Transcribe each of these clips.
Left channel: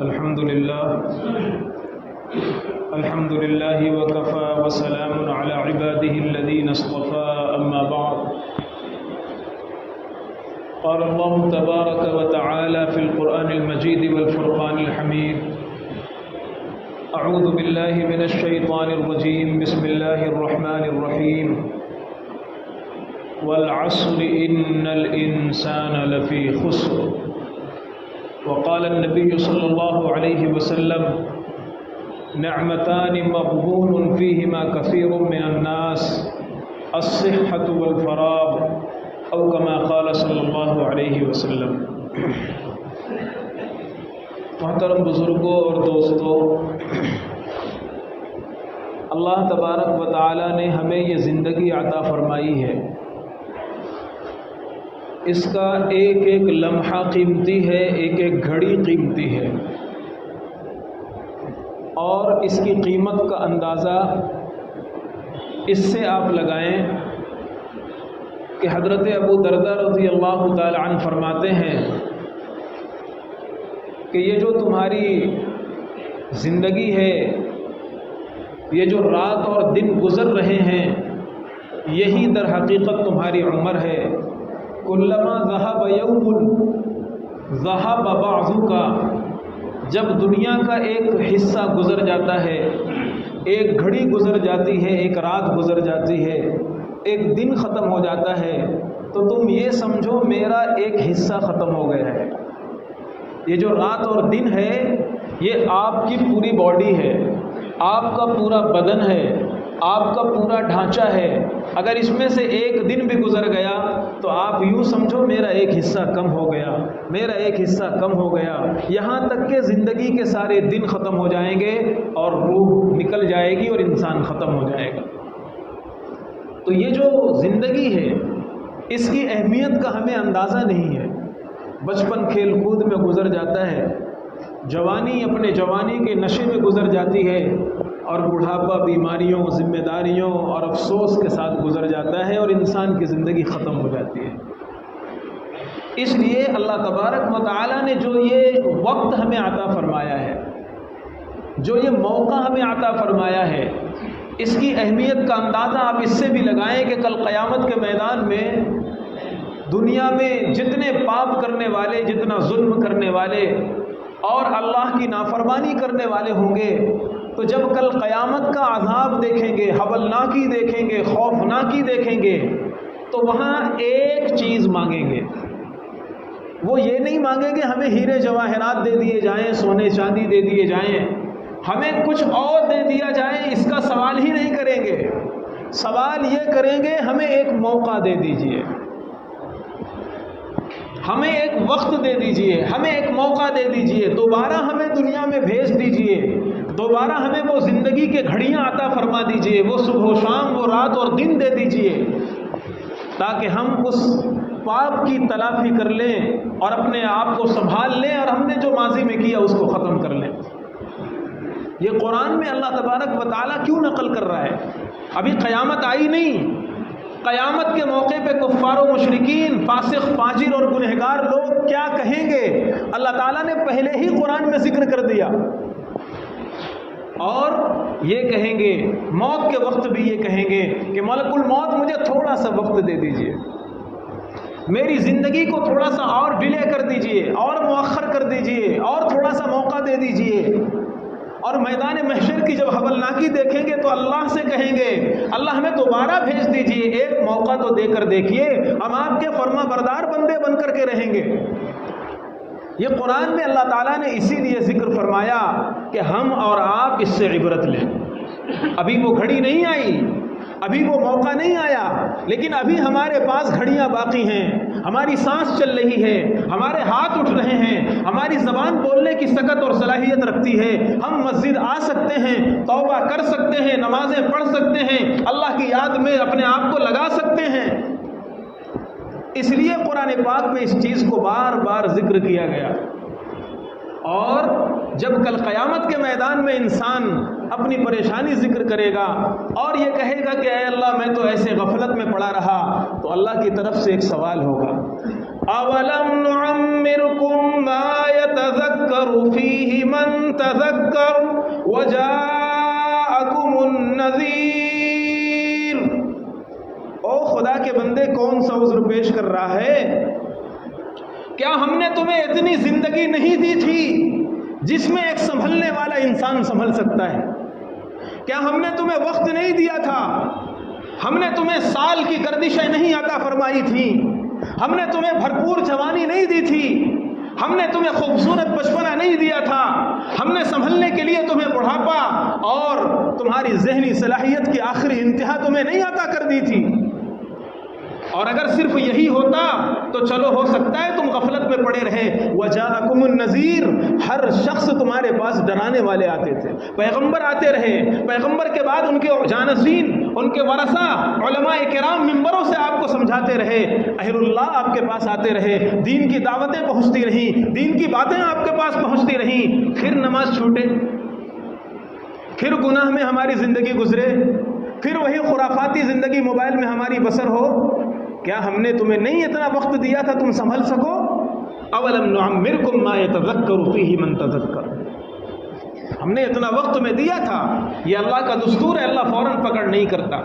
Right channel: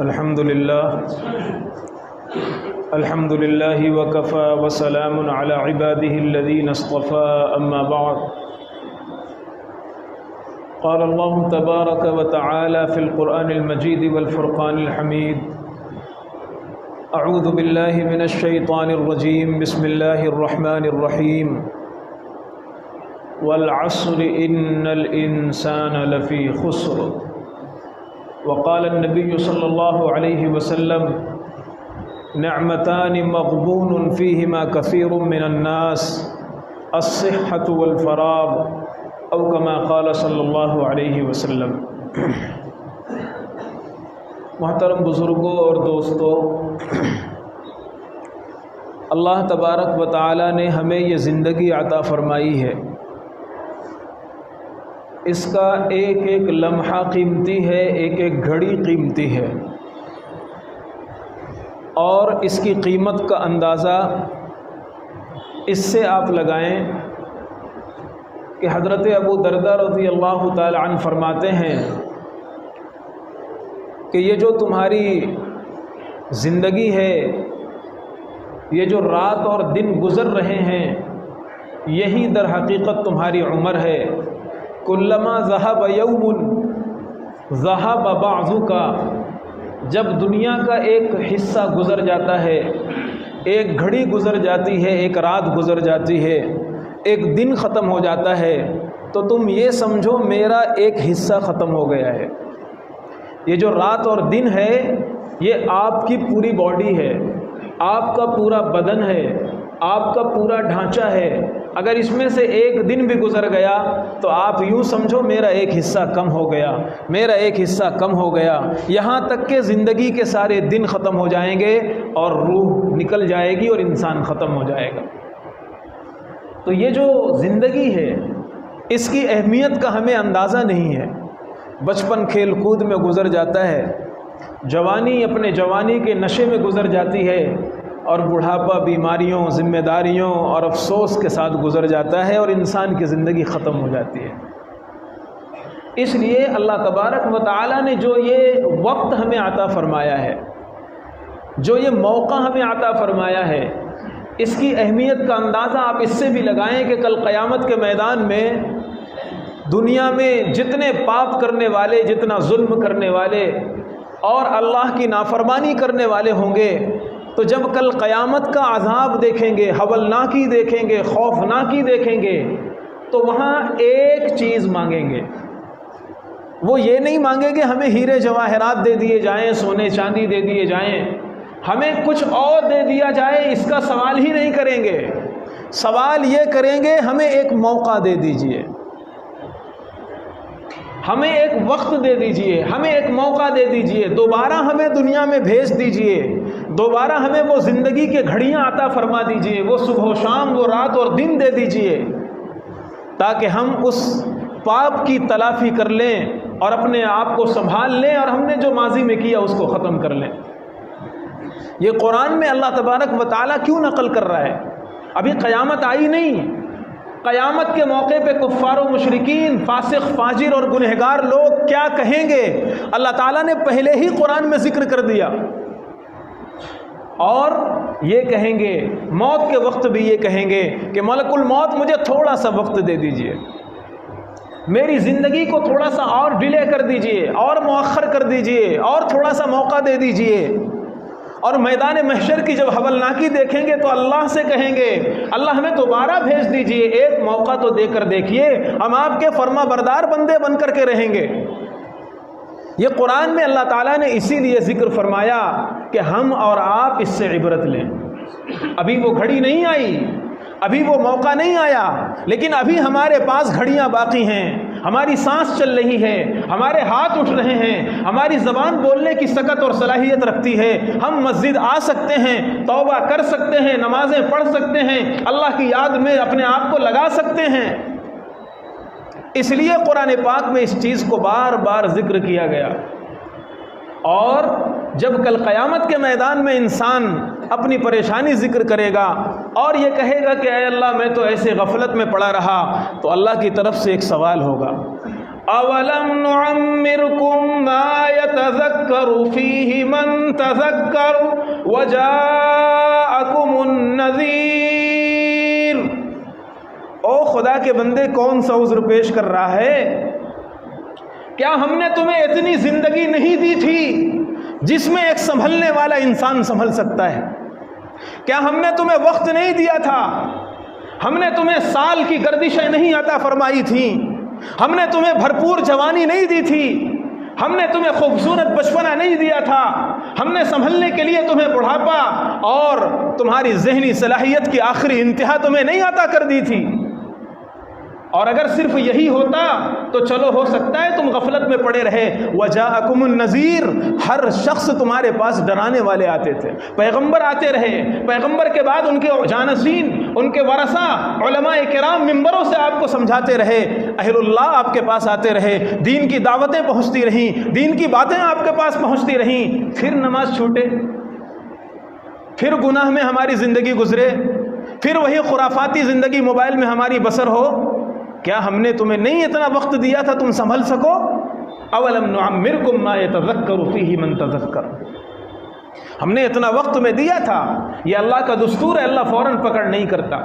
الحمد لله وكفى وسلام على عباده الذين اصطفى أما بعد قال الله تبارك وتعالى في القرآن المجيد والفرقان الحميد أعوذ بالله من الشيطان الرجيم بسم الله الرحمن الرحيم والعصر إن الإنسان لفي خسر وقال النبي صلى الله عليه وسلم نعمتان مغبون فيهما كثير من الناس الصحة والفراغ او كما قال صلی اللہ علیہ وسلم۔ محترم بزرگوں اور دوستوں، اللہ تبارک و تعالی نے ہمیں یہ زندگی عطا فرمائی ہے، اس کا ایک ایک لمحہ قیمتی ہے، ایک ایک گھڑی قیمتی ہے، اور اس کی قیمت کا اندازہ اس سے آپ لگائیں کہ حضرت ابو درداء رضی اللہ تعالی عنہ فرماتے ہیں کہ یہ جو تمہاری زندگی ہے، یہ جو رات اور دن گزر رہے ہیں، یہی در حقیقت تمہاری عمر ہے۔ کلما ذہب یوم ذہب بعضک، جب دنیا کا ایک حصہ گزر جاتا ہے، ایک گھڑی گزر جاتی ہے، ایک رات گزر جاتی ہے، ایک دن ختم ہو جاتا ہے، تو تم یہ سمجھو میرا ایک حصہ ختم ہو گیا ہے۔ یہ جو رات اور دن ہے، یہ آپ کی پوری باڈی ہے، آپ کا پورا بدن ہے، آپ کا پورا ڈھانچہ ہے۔ اگر اس میں سے ایک دن بھی گزر گیا تو آپ یوں سمجھو میرا ایک حصہ کم ہو گیا، میرا ایک حصہ کم ہو گیا، یہاں تک کہ زندگی کے سارے دن ختم ہو جائیں گے اور روح نکل جائے گی اور انسان ختم ہو جائے گا۔ تو یہ جو زندگی ہے، اس کی اہمیت کا ہمیں اندازہ نہیں ہے۔ بچپن کھیل کود میں گزر جاتا ہے، جوانی اپنے جوانی کے نشے میں گزر جاتی ہے، اور بڑھاپا بیماریوں، ذمہ داریوں اور افسوس کے ساتھ گزر جاتا ہے، اور انسان کی زندگی ختم ہو جاتی ہے۔ اس لیے اللہ تبارک و تعالی نے جو یہ وقت ہمیں عطا فرمایا ہے، جو یہ موقع ہمیں عطا فرمایا ہے، اس کی اہمیت کا اندازہ آپ اس سے بھی لگائیں کہ کل قیامت کے میدان میں دنیا میں جتنے پاپ کرنے والے، جتنا ظلم کرنے والے اور اللہ کی نافرمانی کرنے والے ہوں گے، تو جب کل قیامت کا عذاب دیکھیں گے، ہولناکی دیکھیں گے، خوفناکی دیکھیں گے، تو وہاں ایک چیز مانگیں گے۔ وہ یہ نہیں مانگیں گے ہمیں ہیرے جواہرات دے دیے جائیں، سونے چاندی دے دیے جائیں، ہمیں کچھ اور دے دیا جائے، اس کا سوال ہی نہیں کریں گے۔ سوال یہ کریں گے ہمیں ایک موقع دے دیجئے، ہمیں ایک وقت دے دیجئے، ہمیں ایک موقع دے دیجئے، دوبارہ ہمیں دنیا میں بھیج دیجئے، دوبارہ ہمیں وہ زندگی کے گھڑیاں عطا فرما دیجئے، وہ صبح و شام، وہ رات اور دن دے دیجئے، تاکہ ہم اس پاپ کی تلافی کر لیں اور اپنے آپ کو سنبھال لیں، اور ہم نے جو ماضی میں کیا اس کو ختم کر لیں۔ یہ قرآن میں اللہ تبارک و تعالیٰ کیوں نقل کر رہا ہے؟ ابھی قیامت آئی نہیں، قیامت کے موقع پہ کفار و مشرکین، فاسق فاجر اور گنہگار لوگ کیا کہیں گے، اللہ تعالیٰ نے پہلے ہی قرآن میں ذکر کر دیا۔ اور یہ کہیں گے، موت کے وقت بھی یہ کہیں گے کہ ملک الموت مجھے تھوڑا سا وقت دے دیجئے، میری زندگی کو تھوڑا سا اور ڈیلے کر دیجئے، اور مؤخر کر دیجئے، اور تھوڑا سا موقع دے دیجئے۔ اور میدان محشر کی جب ہولناکی دیکھیں گے تو اللہ سے کہیں گے اللہ ہمیں دوبارہ بھیج دیجئے، ایک موقع تو دے کر دیکھیے، ہم آپ کے فرما بردار بندے بن کر کے رہیں گے۔ یہ قرآن میں اللہ تعالیٰ نے اسی لیے ذکر فرمایا کہ ہم اور آپ اس سے عبرت لیں۔ ابھی وہ گھڑی نہیں آئی، ابھی وہ موقع نہیں آیا، لیکن ابھی ہمارے پاس گھڑیاں باقی ہیں، ہماری سانس چل رہی ہے، ہمارے ہاتھ اٹھ رہے ہیں، ہماری زبان بولنے کی سکت اور صلاحیت رکھتی ہے، ہم مسجد آ سکتے ہیں، توبہ کر سکتے ہیں، نمازیں پڑھ سکتے ہیں، اللہ کی یاد میں اپنے آپ کو لگا سکتے ہیں۔ اس لیے قرآن پاک میں اس چیز کو بار بار ذکر کیا گیا۔ اور جب کل قیامت کے میدان میں انسان اپنی پریشانی ذکر کرے گا اور یہ کہے گا کہ اے اللہ میں تو ایسے غفلت میں پڑا رہا، تو اللہ کی طرف سے ایک سوال ہوگا، اولم نعمرکم ما یتذکر فیہ من کون سا عذر پیش کر رہا ہے؟ کیا ہم نے تمہیں اتنی زندگی نہیں دی تھی جس میں ایک سنبھلنے والا انسان سنبھل سکتا ہے؟ کیا ہم نے تمہیں وقت نہیں دیا تھا؟ ہم نے تمہیں سال کی گردشیں نہیں عطا فرمائی تھیں؟ ہم نے تمہیں بھرپور جوانی نہیں دی تھی؟ ہم نے تمہیں خوبصورت بچپنا نہیں دیا تھا؟ ہم نے سنبھلنے کے لیے تمہیں بڑھاپا اور تمہاری ذہنی صلاحیت کی آخری انتہا تمہیں نہیں عطا کر دی تھی؟ اور اگر صرف یہی ہوتا تو چلو ہو سکتا ہے تم غفلت میں پڑے رہے۔ وَجَاءَكُمُ النَّذِيرُ، ہر شخص تمہارے پاس ڈرانے والے آتے تھے، پیغمبر آتے رہے، پیغمبر کے بعد ان کے جانشین، ان کے ورثہ، علماء کرام ممبروں سے آپ کو سمجھاتے رہے، اہل اللہ آپ کے پاس آتے رہے، دین کی دعوتیں پہنچتی رہیں، دین کی باتیں آپ کے پاس پہنچتی رہیں، پھر نماز چھوٹے، پھر گناہ میں ہماری زندگی گزرے، پھر وہی خرافاتی زندگی موبائل میں ہماری بسر ہو۔ کیا ہم نے تمہیں نہیں اتنا وقت دیا تھا تم سنبھل سکو؟ اولم نعمرکم ما یتذکر فیہ من تذکر، ہم نے اتنا وقت تمہیں دیا تھا۔ یہ اللہ کا دستور ہے، اللہ فوراً پکڑ نہیں کرتا۔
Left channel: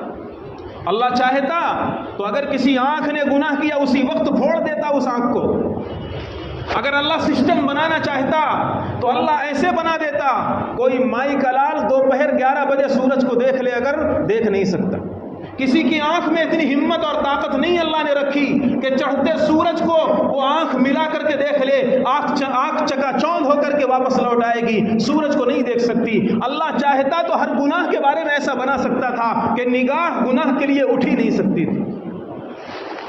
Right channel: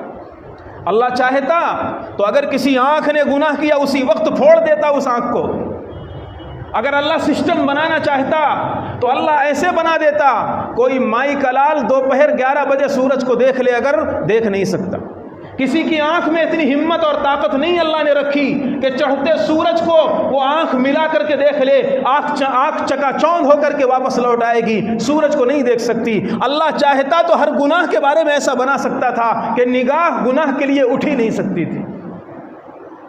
اللہ چاہتا تو اگر کسی آنکھ نے گناہ کیا اسی وقت پھوڑ دیتا اس آنکھ کو۔ اگر اللہ سسٹم بنانا چاہتا تو اللہ ایسے بنا دیتا، کوئی مائی کا لال دوپہر 11 بجے سورج کو دیکھ لے اگر دیکھ نہیں سکتا۔ کسی کی آنکھ میں اتنی ہمت اور طاقت نہیں اللہ نے رکھی کہ چڑھتے سورج کو وہ آنکھ ملا کر کے دیکھ لے، آنکھ چکا چوند ہو کر کے واپس لوٹ آئے گی، سورج کو نہیں دیکھ سکتی۔ اللہ چاہتا تو ہر گناہ کے بارے میں ایسا بنا سکتا تھا کہ نگاہ گناہ کے لیے اٹھ ہی نہیں سکتی تھی،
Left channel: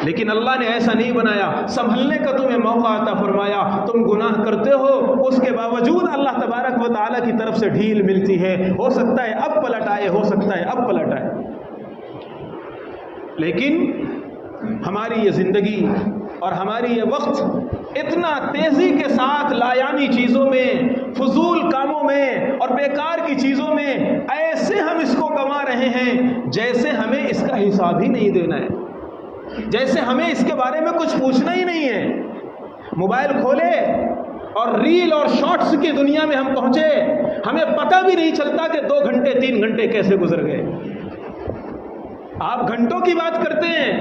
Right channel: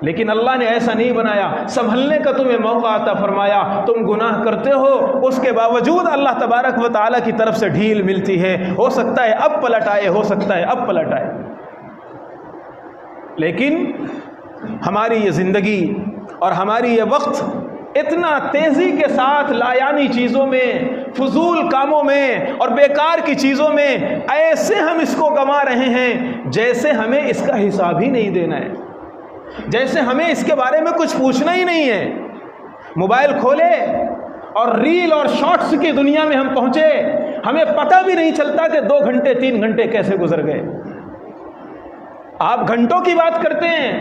لیکن اللہ نے ایسا نہیں بنایا۔ سنبھلنے کا تمہیں موقع عطا فرمایا، تم گناہ کرتے ہو، اس کے باوجود اللہ تبارک و تعالیٰ کی طرف سے ڈھیل ملتی ہے۔ ہو سکتا ہے اب پلٹ آئے، ہو سکتا ہے اب پلٹ آئے، لیکن ہماری یہ زندگی اور ہماری یہ وقت اتنا تیزی کے ساتھ لایانی چیزوں میں، فضول کاموں میں اور بیکار کی چیزوں میں ایسے ہم اس کو گنوا رہے ہیں جیسے ہمیں اس کا حساب ہی نہیں دینا ہے، جیسے ہمیں اس کے بارے میں کچھ پوچھنا ہی نہیں ہے۔ موبائل کھولے اور ریل اور شارٹس کی دنیا میں ہم پہنچے، ہمیں پتہ بھی نہیں چلتا کہ 2 گھنٹے 3 گھنٹے کیسے گزر گئے۔ آپ گھنٹوں کی بات کرتے ہیں،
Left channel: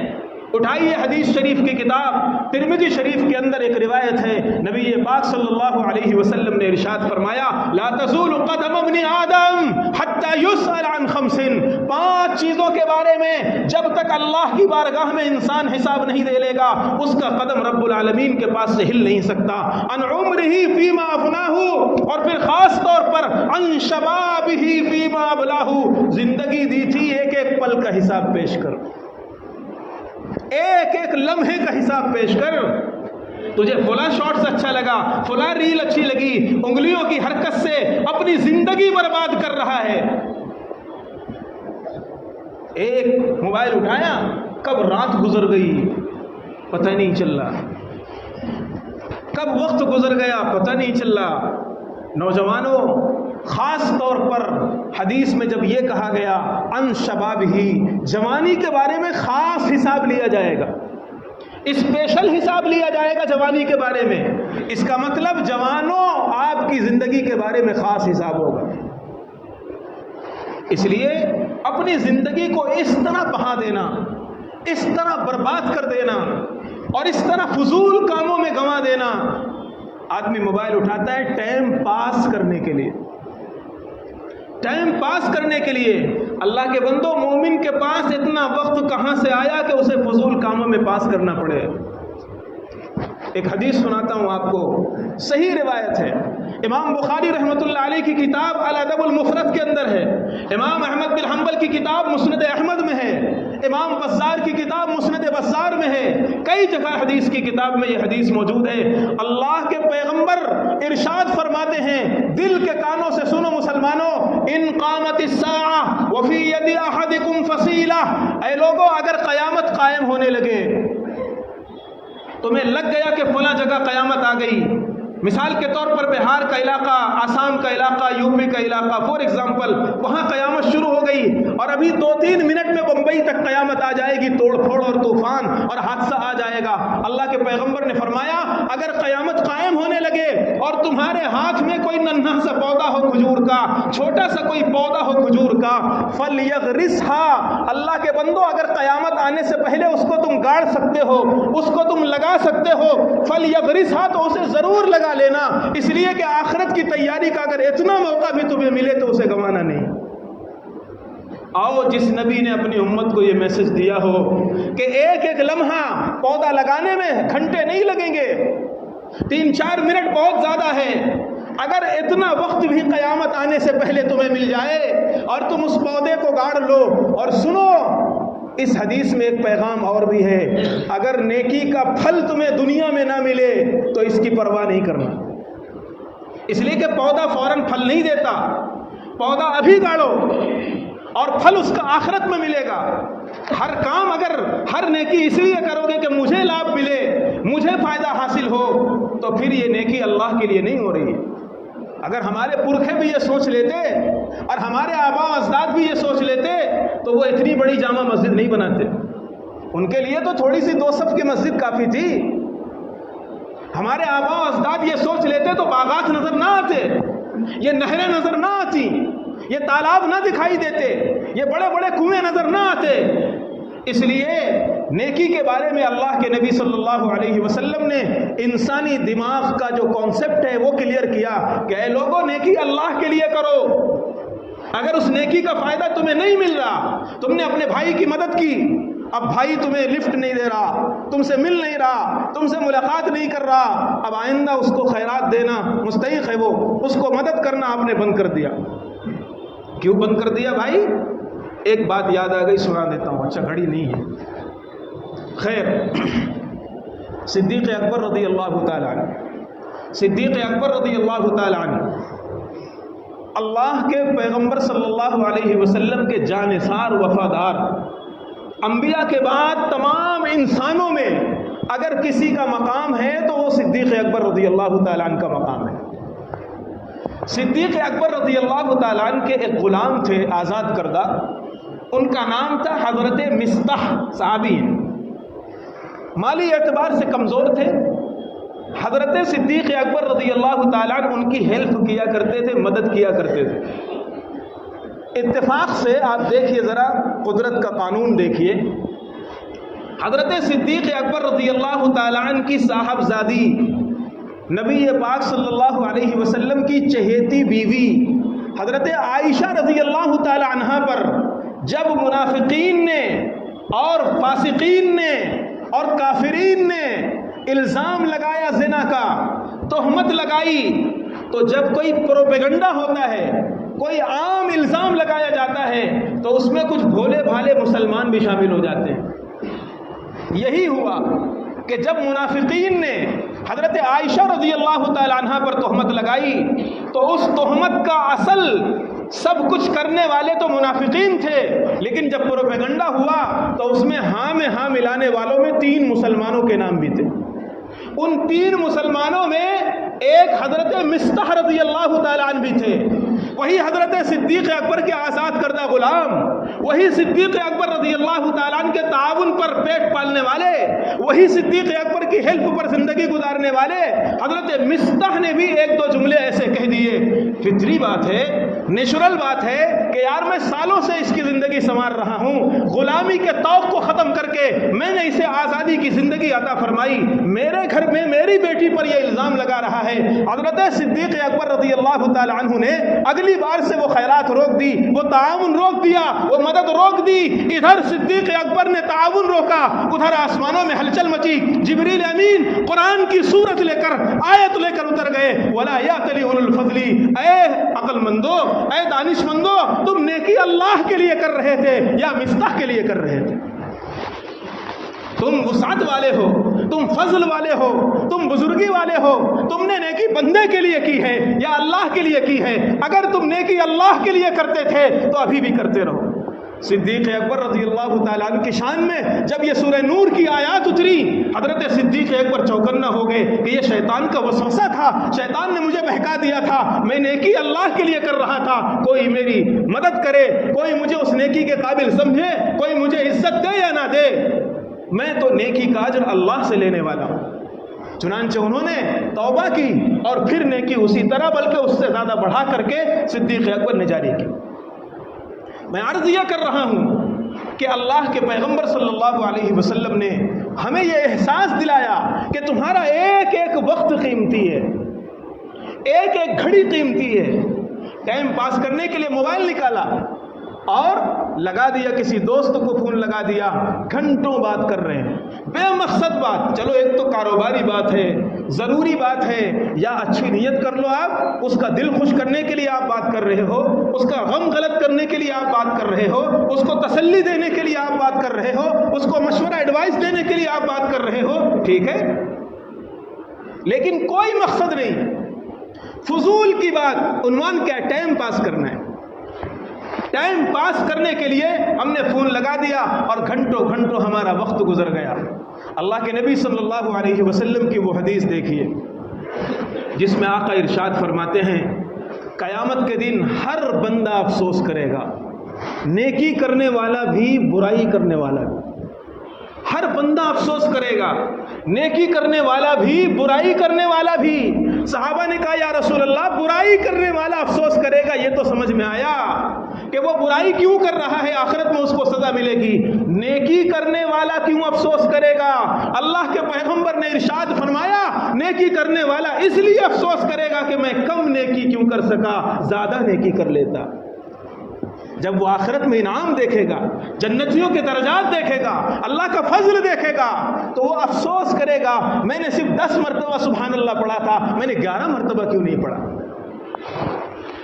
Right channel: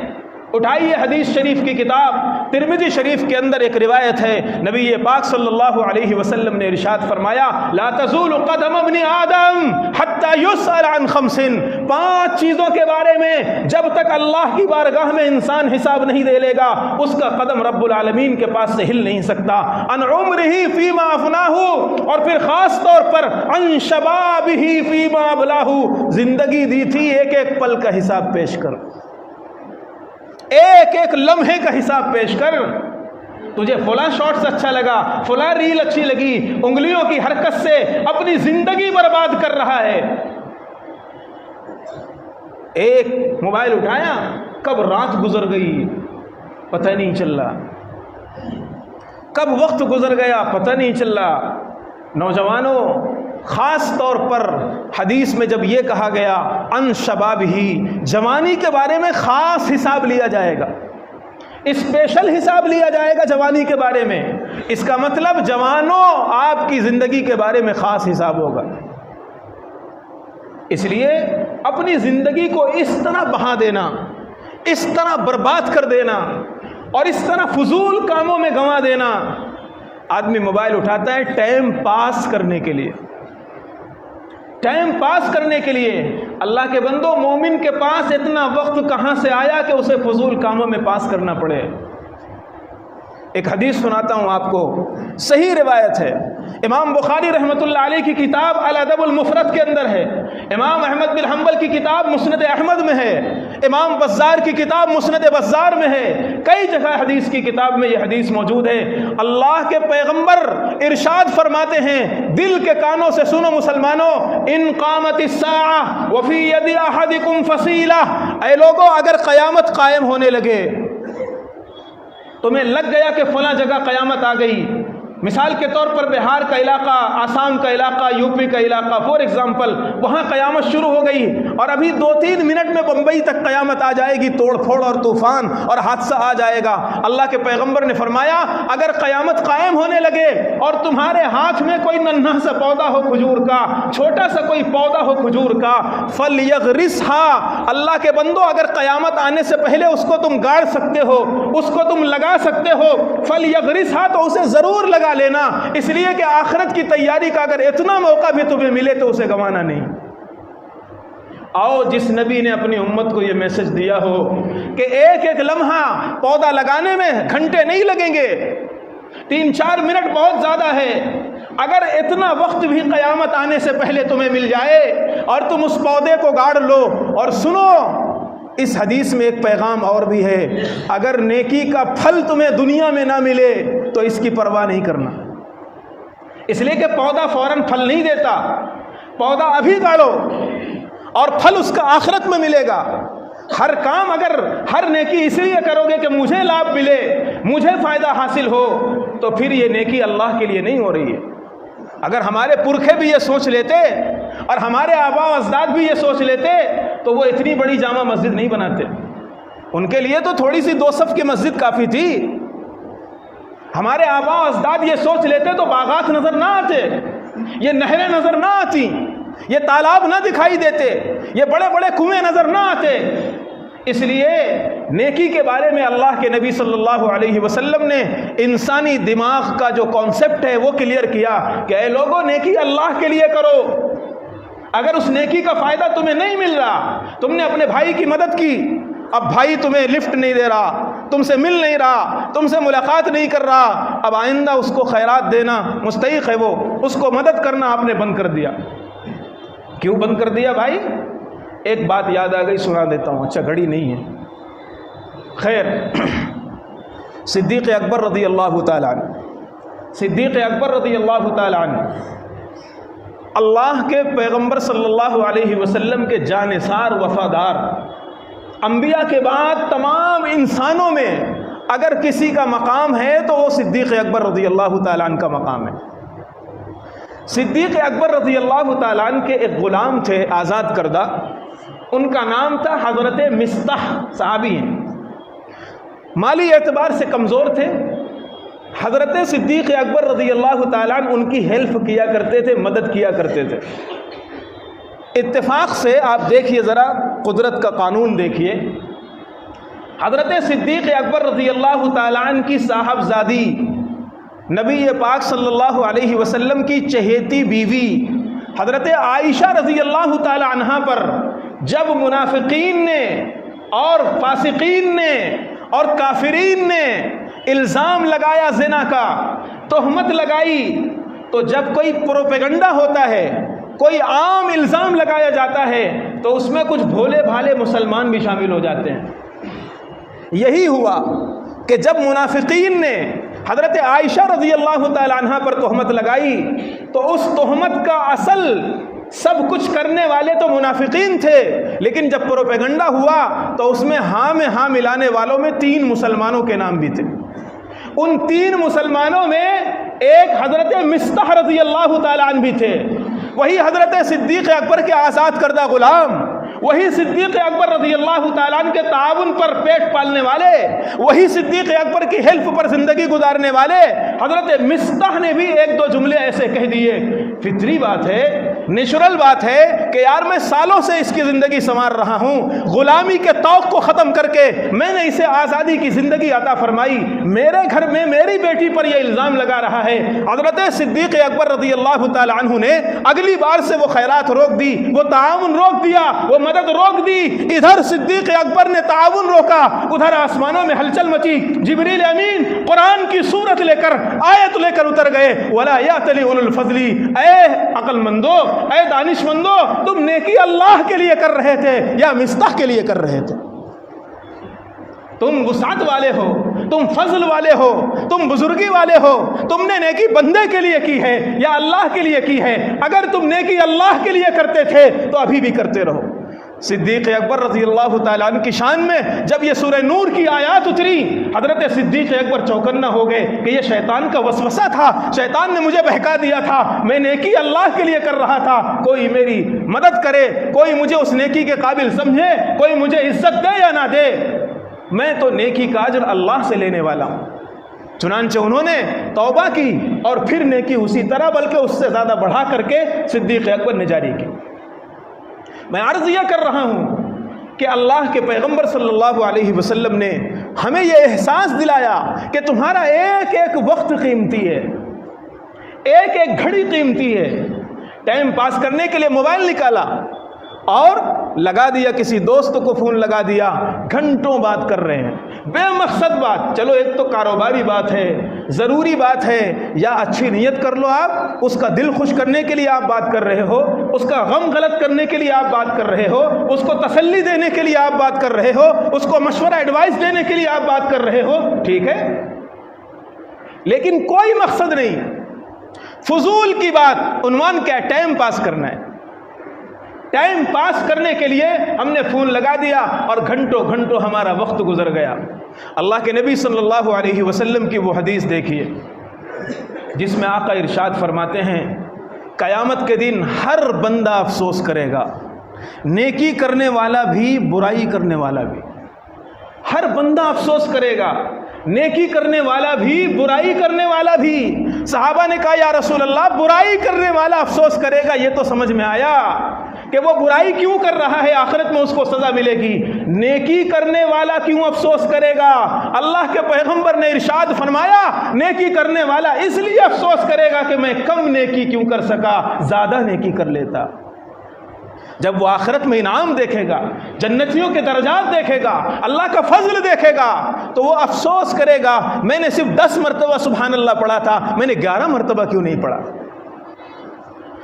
اٹھائیے حدیث شریف کی کتاب ترمذی شریف کے اندر ایک روایت ہے، نبی پاک صلی اللہ علیہ وسلم نے ارشاد فرمایا، لا تزول قدم ابن آدم حتی یسأل عن 5، 5 چیزوں کے بارے میں جب تک اللہ کی بارگاہ میں انسان حساب نہیں دے لے گا اس کا قدم رب العالمین کے پاس سے ہل نہیں سکتا۔ عن عمرہ فیما افناہ، اور پھر خاص طور پر عن شبابہ فیما ابلاہ، زندگی دی تھی ایک ایک پل کا حساب پیش کر، ایک ایک لمحے کا حساب پیش کر۔ تجھے فلاں شارٹس اچھا لگا، فلاں ریل اچھی لگی، انگلیوں کی حرکت سے اپنی زندگی برباد کر رہا ہے۔ ایک موبائل اٹھایا، کب رات گزر گئی پتہ نہیں چل رہا، کب وقت گزر گیا پتہ نہیں چل رہا۔ نوجوانوں، خاص طور پر حدیث میں جب یہ کہا گیا ان شباب ہی، جوانی کے بارے میں خاص حساب لیا جائے گا، اسپیشل حساب لیا جائے گا جوانی کے بارے میں، اس کا مطلب جوانوں آپ کی زندگی کے بارے میں خاص حساب ہوگا۔ اس لیے اپنی زندگی کو اس طرح بہا دینا، اس طرح برباد کر دینا اور اس طرح فضول کاموں میں گنوا دینا۔ آدمی موبائل اٹھاتا ہے ٹائم پاس کرنے کے لیے، ٹائم پاس کرنے کے لیے۔ اللہ کے بندو، مومن کے پاس اتنا وقت کہاں سے آیا کہ اسے فضول کاموں میں پاس کرنا پڑے؟ ایک حدیث سناتا ہوں آپ کو، صحیح روایت ہے، امام بخاری رحمۃ اللہ علیہ کی کتاب الادب المفرد کے اندر ہے، امام احمد بن حنبل کی کتاب مسند احمد میں ہے، امام بزار کی کتاب مسند بزار میں ہے، کئی جگہ حدیث کی کتاب میں یہ حدیث موجود ہے۔ اللہ کے پیغمبر ارشاد فرماتے ہیں، دل کے کانوں سے سنو مسلمانوں، ان قامت الساعہ وفی ید احدکم فصیلہ، اے لوگوں اگر قیامت قائم ہونے لگے، تمہیں لگ گیا کہ فلاں جگہ قیامت آ گئی، مثال کے طور پر بہار کا علاقہ، آسام کا علاقہ، یو پی کا علاقہ، فور ایگزامپل، وہاں قیامت شروع ہو گئی اور ابھی 2-3 منٹ میں بمبئی تک قیامت آ جائے گی، توڑ پھوڑ اور طوفان اور حادثہ آ جائے گا۔ اللہ کے پیغمبر نے فرمایا اگر قیامت قائم ہونے لگے اور تمہارے ہاتھ میں کوئی ننھا سا پودا ہو کھجور کا، چھوٹا سا کوئی پودا ہو کھجور کا، فلیغرسھا، اللہ کے بندو اگر قیامت آنے سے پہلے اس کو تم گاڑ سکتے ہو، اس کو تم لگا سکتے ہو، فَلْيَغْرِسْهَا، تو اسے ضرور لگا لینا، اس لیے کہ آخرت کی تیاری کا اگر اتنا موقع بھی تمہیں ملے تو اسے گنوانا نہیں۔ آؤ جس نبی نے اپنی امت کو یہ میسج دیا ہو کہ ایک ایک لمحہ پودا لگانے میں گھنٹے نہیں لگیں گے، 3-4 منٹ بہت زیادہ ہے، اگر اتنا وقت بھی قیامت آنے سے پہلے تمہیں مل جائے اور تم اس پودے کو گاڑ لو، اور سنو اس حدیث میں ایک پیغام اور بھی ہے، اگر نیکی کا پھل تمہیں دنیا میں نہ ملے تو اس کی پرواہ نہیں کرنا، اس لیے کہ پودا فوراً پھل نہیں دیتا، پودا ابھی گاڑو اور پھل اس کا آخرت میں ملے گا۔ ہر کام اگر ہر نیکی اس لیے کرو گے کہ مجھے لابھ ملے، مجھے فائدہ حاصل ہو، تو پھر یہ نیکی اللہ کے لیے نہیں ہو رہی ہے۔ اگر ہمارے پرکھے بھی یہ سوچ لیتے اور ہمارے آباء و اجداد بھی یہ سوچ لیتے تو وہ اتنی بڑی جامع مسجد نہیں بناتے، ان کے لیے تو تھوڑی سی 2 صف کی مسجد کافی تھی۔ ہمارے آباء و اجداد یہ سوچ لیتے تو باغات نظر نہ آتے، یہ نہریں نظر نہ آتی، یہ تالاب نہ دکھائی دیتے، یہ بڑے بڑے کنویں نظر نہ آتے۔ اس لیے نیکی کے بارے میں اللہ کے نبی صلی اللہ علیہ وسلم نے انسانی دماغ کا جو کانسیپٹ ہے وہ کلیئر کیا کہ اے لوگوں، نیکی اللہ کے لیے کرو، اگر اس نیکی کا فائدہ تمہیں نہیں مل رہا، تم نے اپنے بھائی کی مدد کی، اب بھائی تمہیں لفٹ نہیں دے رہا، تم سے مل نہیں رہا، تم سے ملاقات نہیں کر رہا، اب آئندہ اس کو خیرات دینا مستحق ہے، وہ اس کو مدد کرنا آپ نے بند کر دیا۔ کیوں بند کر دیا بھائی؟ ایک بات یاد آ گئی، سنا دیتا ہوں، اچھا گھڑی نہیں ہے، خیر۔ صدیق اکبر رضی اللہ تعالیٰ عنہ، صدیق اکبر رضی اللہ تعالیٰ عنہ اللہ کے پیغمبر صلی اللہ علیہ وسلم کے جانثار وفادار، انبیاء کے بعد تمام انسانوں میں اگر کسی کا مقام ہے تو وہ صدیق اکبر رضی اللہ تعالیٰ عنہ کا مقام ہے۔ صدیق اکبر رضی اللہ تعالیٰ عنہ کے ایک غلام تھے آزاد کردہ، ان کا نام تھا حضرت مصطح، صحابی ہیں، مالی اعتبار سے کمزور تھے۔ حضرت صدیق اکبر رضی اللہ تعالیٰ عنہ ان کی ہیلپ کیا کرتے تھے، مدد کیا کرتے تھے۔ اتفاق سے آپ دیکھیے ذرا، قدرت کا قانون دیکھیے، حضرت صدیق اکبر رضی اللہ تعالیٰ عنہ کی صاحبزادی نبی پاک صلی اللہ علیہ وسلم کی چہیتی بیوی حضرت عائشہ رضی اللہ تعالیٰ عنہا پر جب منافقین نے اور فاسقین نے اور کافرین نے الزام لگایا زنا کا، تہمت لگائی، تو جب کوئی پروپیگنڈا ہوتا ہے، کوئی عام الزام لگایا جاتا ہے تو اس میں کچھ بھولے بھالے مسلمان بھی شامل ہو جاتے ہیں۔ یہی ہوا کہ جب منافقین نے حضرت عائشہ رضی اللہ تعالیٰ عنہ پر تہمت لگائی تو اس تہمت کا اصل سب کچھ کرنے والے تو منافقین تھے، لیکن جب پروپیگنڈا ہوا تو اس میں ہاں میں ہاں ملانے والوں میں 3 مسلمانوں کے نام بھی تھے۔ ان 3 مسلمانوں میں ایک حضرت مصطح رضی اللہ تعالیٰ عنہ بھی تھے، وہی حضرت صدیق اکبر کے آزاد کردہ غلام، وہی صدیق اکبر رضی اللہ تعالیٰ عنہ کے تعاون پر پیٹ پالنے والے، وہی صدیق اکبر کی ہیلپ پر زندگی گزارنے والے حضرت مصطح نے بھی 1-2 جملے ایسے کہہ دیے۔ فطری بات ہے، نیچرل بات ہے کہ یار میں سالوں سے اس کی زندگی سنوار رہا ہوں، غلامی کے طوق کو ختم کر کے میں نے اسے آزادی کی زندگی عطا فرمائی، میرے گھر میں میری بیٹی پر یہ الزام لگا رہا ہے۔ حضرت صدیق اکبر رضی اللہ تعالیٰ عنہ نے اگلی بار سے وہ خیرات روک دی، وہ تعاون روک دیا، وہ مدد روک دی۔ ادھر صدیق اکبر نے تعاون روکا، ادھر آسمانوں میں ہلچل مچی، جبریل امین قرآن کی سورت لے کر، آیت لے کر اتر گئے، وَلَا يَأْتَلِ أُولُو الْفَضْلِ، اے عقل مندو، اے دانش مندو، تم نیکی اللہ کے لیے کر رہے تھے یا مصطح کے لیے کر رہے تھے؟ تم وسعت والے ہو، تم فضل والے ہو، تم بزرگی والے ہو، تم نے نیکی بندے کے لیے کی ہے یا اللہ کے لیے کی ہے؟ اگر تم نیکی اللہ کے لیے کرتے تھے تو ابھی بھی کرتے رہو۔ صدیق اکبر رضی اللہ تعالیٰ عنہ کی شان میں جب یہ سورہ نور کی آیات اتری، حضرت صدیق اکبر چوکنا ہو گئے کہ یہ شیطان کا وسوسہ تھا، شیطان نے مجھے بہکا دیا تھا، میں نیکی اللہ کے لیے کر رہا تھا، کوئی میری مدد کرے، کوئی مجھے اس نیکی کے قابل سمجھے، کوئی مجھے عزت دے یا نہ دے، میں تو نیکی کا اجر اللہ سے لینے والا ہوں۔ چنانچہ انہوں نے توبہ کی اور پھر نیکی اسی طرح بلکہ اس سے زیادہ بڑھا کر کے صدیق اکبر نے جاری کی۔ میں عرض یہ کر رہا ہوں کہ اللہ کے پیغمبر صلی اللہ علیہ وسلم نے ہمیں یہ احساس دلایا کہ تمہارا ایک ایک وقت قیمتی ہے، ایک ایک گھڑی قیمتی ہے۔ ٹائم پاس کرنے کے لیے موبائل نکالا اور لگا دیا، کسی دوست کو فون لگا دیا، گھنٹوں بات کر رہے ہیں، بے مقصد بات۔ چلو ایک تو کاروباری بات ہے، ضروری بات ہے، یا اچھی نیت کر لو، آپ اس کا دل خوش کرنے کے لیے آپ بات کر رہے ہو، اس کا غم غلط کرنے کے لیے آپ بات کر رہے ہو، اس کو تسلی دینے کے لیے آپ بات کر رہے ہو، اس کو مشورہ ایڈوائس دینے کے لیے آپ بات کر رہے ہو، ٹھیک ہے، لیکن کوئی مقصد نہیں، فضول کی بات۔ عنوان کیا ہے؟ ٹائم پاس کرنا ہے۔ ٹائم پاس کرنے کے لیے ہم نے فون لگا دیا اور گھنٹوں گھنٹوں ہمارا وقت گزر گیا۔ اللہ کے نبی صلی اللہ علیہ وسلم کی وہ حدیث دیکھیے جس میں آقا ارشاد فرماتے ہیں قیامت کے دن ہر بندہ افسوس کرے گا، نیکی کرنے والا بھی برائی کرنے والا بھی، ہر بندہ افسوس کرے گا، نیکی کرنے والا بھی برائی کرنے والا بھی۔ صحابہ نے کہا یا رسول اللہ برائی کرنے والا افسوس کرے گا، یہ تو سمجھ میں آیا کہ وہ برائی کیوں کر رہا ہے، آخرت میں اس کو سزا ملے گی، نیکی کرنے والا کیوں افسوس کرے گا؟ اللہ کے پیغمبر نے ارشاد فرمایا نیکی کرنے والا اس لیے افسوس کرے گا کہ میں کم نیکی کیوں کر سکا، زیادہ نیکی کر لیتا۔ جب وہ آخرت میں انعام دیکھے گا، جنتیوں کے درجات دیکھے گا، اللہ کا فضل دیکھے گا، تو وہ افسوس کرے گا میں نے صرف 10 مرتبہ سبحان اللہ پڑھا تھا، میں نے 11 مرتبہ کیوں نہیں پڑھا،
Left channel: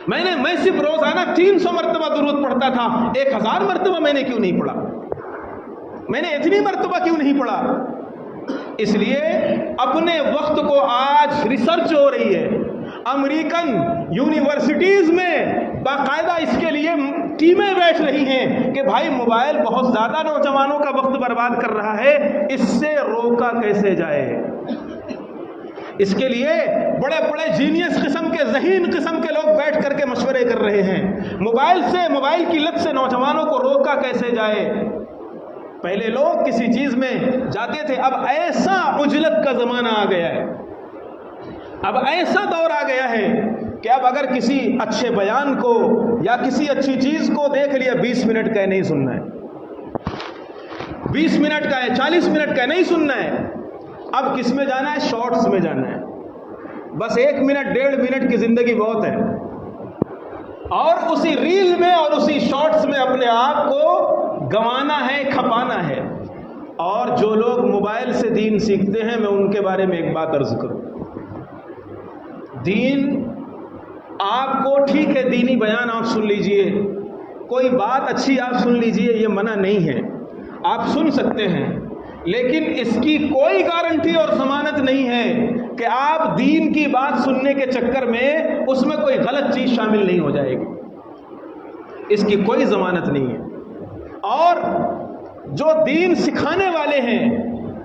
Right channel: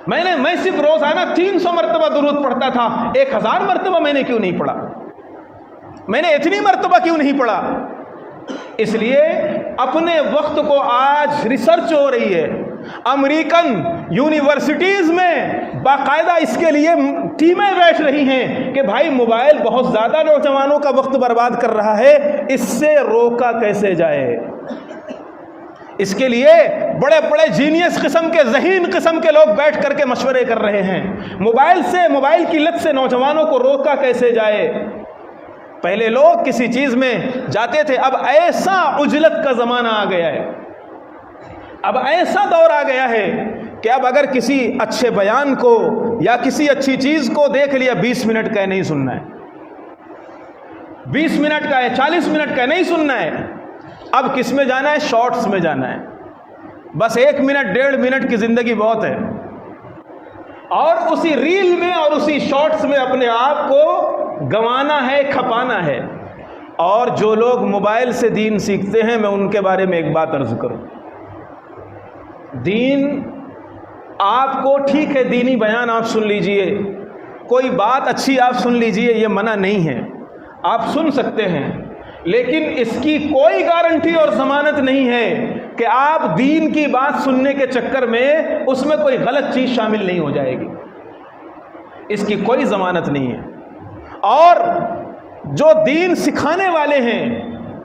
میں صرف روزانہ 300 مرتبہ درود پڑھتا تھا، 1000 مرتبہ میں نے کیوں نہیں پڑھا، میں نے اتنی مرتبہ کیوں نہیں پڑھا۔ اس لیے اپنے وقت کو، آج ریسرچ ہو رہی ہے امریکن یونیورسٹیز میں، باقاعدہ اس کے لیے ٹیمیں بیٹھ رہی ہیں کہ بھائی موبائل بہت زیادہ نوجوانوں کا وقت برباد کر رہا ہے، اس سے روکا کیسے جائے۔ اس کے لیے بڑے بڑے جینیس قسم کے، ذہین قسم کے لوگ بیٹھ کر کے مشورے کر رہے ہیں، موبائل کی لت سے نوجوانوں کو روکا کیسے جائے۔ پہلے لوگ کسی چیز میں جاتے تھے، اب ایسا عجلت کا زمانہ آ گیا ہے، اب ایسا دور آ گیا ہے کہ اب اگر کسی اچھے بیان کو یا کسی اچھی چیز کو دیکھ لیا، 20 منٹ کا نہیں سننا ہے، 20 منٹ کا ہے، 40 منٹ کا نہیں سننا ہے، اب کس میں جانا ہے؟ شارٹس میں جانا ہے، بس 1 منٹ 1.5 منٹ کی زندگی بہت ہے، اور اسی ریل میں اور اسی شارٹس میں اپنے آپ کو گنوانا ہے، کھپانا ہے۔ اور جو لوگ موبائل سے دین سیکھتے ہیں، میں ان کے بارے میں ایک بات عرض کروں، دین آپ کو ٹھیک ہے، دینی بیان آپ سن لیجئے، کوئی بات اچھی آپ سن لیجئے، یہ منع نہیں ہے، آپ سن سکتے ہیں، لیکن اس کی کوئی گارنٹی اور ضمانت نہیں ہے کہ آپ دین کی بات سننے کے چکر میں اس میں کوئی غلط چیز شامل نہیں ہو جائے گی، اس کی کوئی ضمانت نہیں ہے۔ اور جو دین سکھانے والے ہیں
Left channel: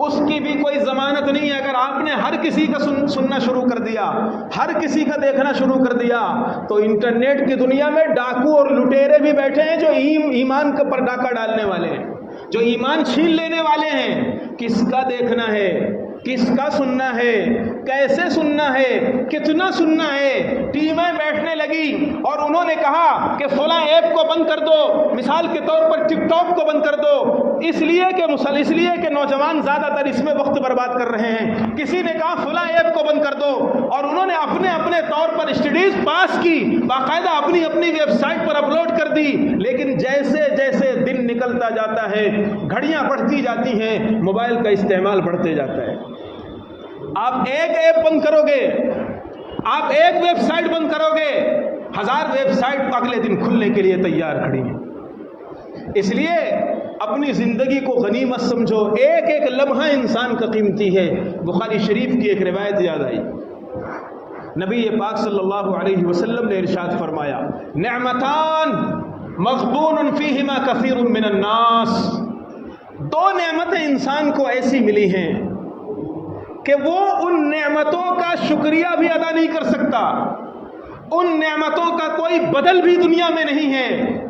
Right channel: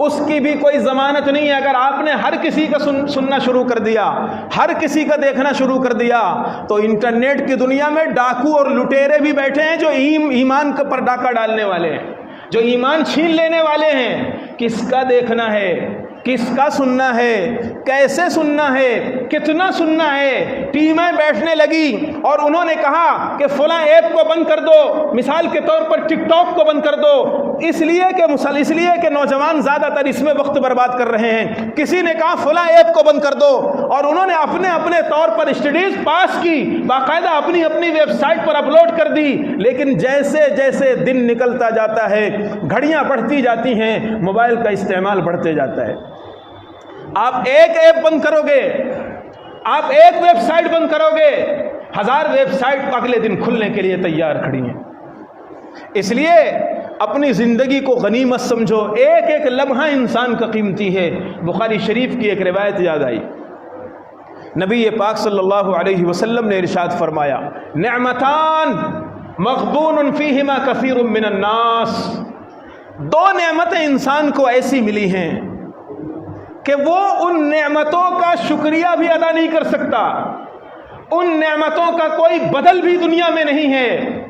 اس کی بھی کوئی ضمانت نہیں ہے۔ اگر آپ نے ہر کسی کا سننا شروع کر دیا، ہر کسی کا دیکھنا شروع کر دیا، تو انٹرنیٹ کی دنیا میں ڈاکو اور لٹیرے بھی بیٹھے ہیں جو ایمان پر ڈاکہ ڈالنے والے ہیں، جو ایمان چھین لینے والے ہیں۔ کس کا دیکھنا ہے، کس کا سننا ہے، کیسے سننا ہے، کتنا سننا ہے۔ ٹیمیں بیٹھنے لگی اور انہوں نے کہا کہ فلاں ایپ کو بند کر دو، مثال کے طور پر ٹک ٹاک کو بند کر دو، اس لیے کہ نوجوان زیادہ تر اس میں وقت برباد کر رہے ہیں۔ کسی نے کہا فلاں ایپ کو بند کر دو، اور انہوں نے اپنے اپنے طور پر اسٹڈیز پاس کی، باقاعدہ اپنی اپنی ویب سائٹ پر اپلوڈ کر دی۔ لیکن جیسے جیسے دن نکلتا جاتا ہے، گھڑیاں بڑھتی جاتی ہیں، موبائل کا استعمال بڑھتے جاتا ہے۔ آپ ایک ایپ بند کرو گے، آپ ایک ویب سائٹ بند کرو گے، 1000 ویب سائٹ اگلے دن کھلنے کے لیے تیار کھڑی ہیں۔ اس لیے اپنی زندگی کو غنیمت سمجھو، ایک ایک لمحہ انسان کا قیمتی ہے۔ بخاری شریف کی ایک روایت یاد آئی، نبی پاک صلی اللہ علیہ وسلم نے ارشاد فرمایا، نعمتان مغبون فیہما کثیر من الناس، 2 نعمتیں انسان کو ایسی ملی ہیں کہ وہ ان نعمتوں کا شکریہ بھی ادا نہیں کر سکتا، ان نعمتوں کا کوئی بدل بھی دنیا میں نہیں ہے۔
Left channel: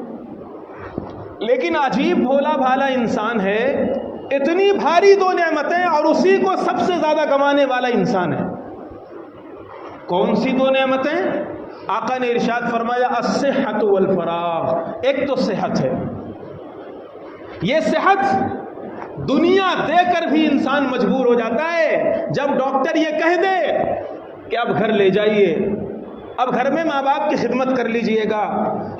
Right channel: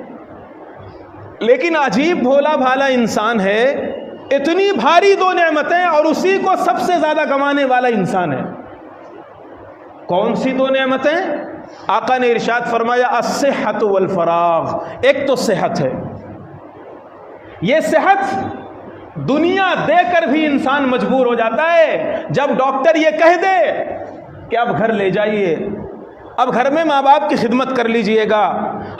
لیکن عجیب بھولا بھالا انسان ہے، اتنی بھاری 2 نعمتیں اور اسی کو سب سے زیادہ گنوانے والا انسان ہے۔ کون سی 2 نعمتیں؟ آقا نے ارشاد فرمایا الصحت والفراغ، ایک تو صحت ہے، یہ صحت دنیا دے کر بھی انسان مجبور ہو جاتا ہے جب ڈاکٹر یہ کہہ دے کہ اب گھر لے جائیے، اب گھر میں ماں باپ کی خدمت کر لیجئے گا،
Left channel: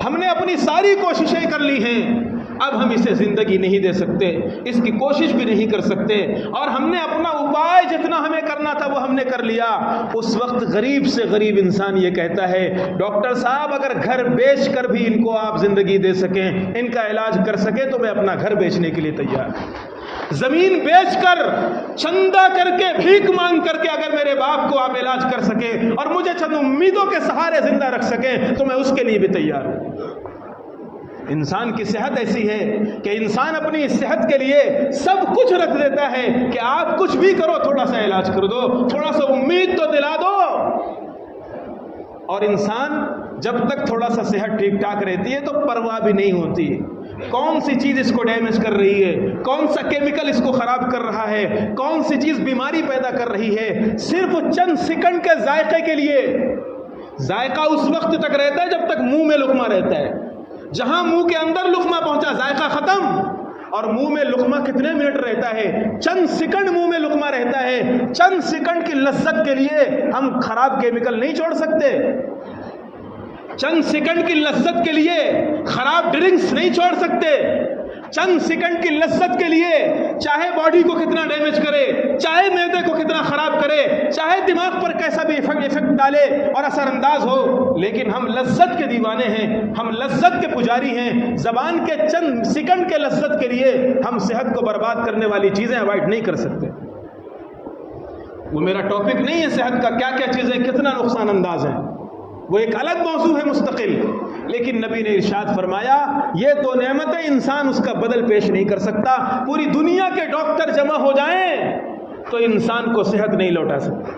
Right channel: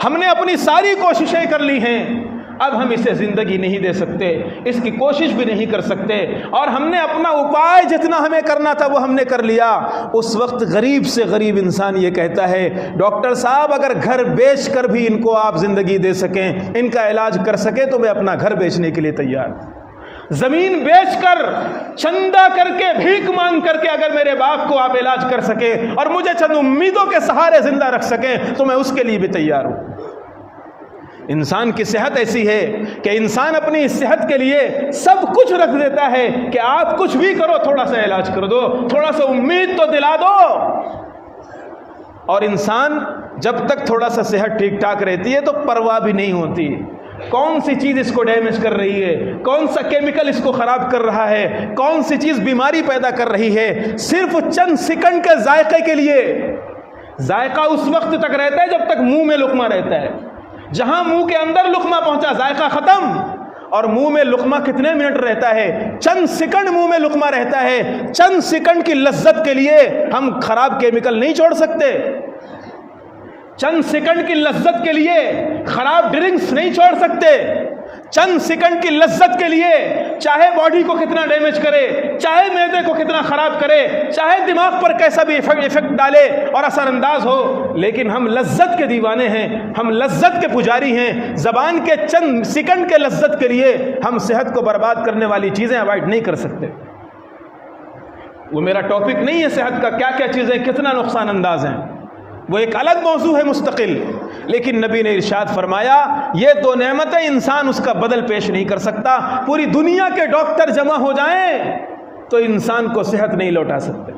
ہم نے اپنی ساری کوششیں کر لی ہیں، اب ہم اسے زندگی نہیں دے سکتے، اس کی کوشش بھی نہیں کر سکتے، اور ہم نے اپنا اپائے جتنا ہمیں کرنا تھا وہ ہم نے کر لیا۔ اس وقت غریب سے غریب انسان یہ کہتا ہے ڈاکٹر صاحب اگر گھر بیچ کر بھی ان کو آپ زندگی دے سکیں، ان کا علاج کر سکیں تو میں اپنا گھر بیچنے کے لیے تیار ہوں، زمین بیچ کر چندہ کر کے بھیک مانگ کر کے اگر میرے باپ کو آپ علاج کر سکیں اور مجھے چند امیدوں کے سہارے زندہ رکھ سکیں تو میں اس کے لیے بھی تیار ہوں۔ انسان کی صحت ایسی ہے کہ انسان اپنی صحت کے لیے سب کچھ رکھ دیتا ہے کہ آپ کچھ بھی کرو، تھوڑا سا علاج کر دو، تھوڑا سا امید تو دلا دو۔ اور انسان جب تک تھوڑا سا صحت ٹھیک ٹھاک رہتی ہے تو پرواہ بھی نہیں ہوتی کون سی چیز اس کو ڈیمیج کر رہی ہے، کون سا کیمیکل اس کو خراب کر رہا ہے، کون سی چیز بیماری پیدا کر رہی ہے۔ صرف چند سیکنڈ کے ذائقے کے لیے، ذائقہ اس وقت تک رہتا ہے جب تک منہ میں لقمہ رہتا ہے، جہاں منہ کے اندر لقمہ پہنچا ذائقہ ختم، اور منہ میں لقمہ کتنے منٹ رہتا ہے؟ چند سیکنڈ منہ میں لقمہ رہتا ہے۔ چند سیکنڈ کی لذت کے لیے ہم خراب کیمیکل نہیں چھوڑ سکتے، چند سیکنڈ کی لذت کے لیے خراب ڈرنکس نہیں چھوڑ سکتے، چند سیکنڈ کی لذت کے لیے چاہے باڈی کو کتنا ڈیمیج کرے، چاہے معدے کو کتنا خراب کرے، چاہے دماغ پر کیسا بھی ایفیکٹ ڈالے اور اثر انداز ہو، لیکن ہم لذت کے دیوانے ہیں، ہم لذت کے پجاری ہیں۔ زبان کے چند سیکنڈ کے لذت کے لیے ہم صحت کو برباد کرنے والی چیزیں اوائڈ نہیں کر سکتے۔ وہ میرا ٹاپک نہیں ہے صحت کا، کیا کیا چیزیں کتنا نقصان انداز ہیں، وہ ایک الگ موضوع ہے مستقل، لیکن نبی نے ارشاد فرمایا یہ دو نعمتیں انسان اس کا بدل پیش نہیں کر سکتا۔ پوری دنیا کے ڈاکٹر جمع ہو جائیں تو انسان کو صحت نہیں لوٹا سکتے،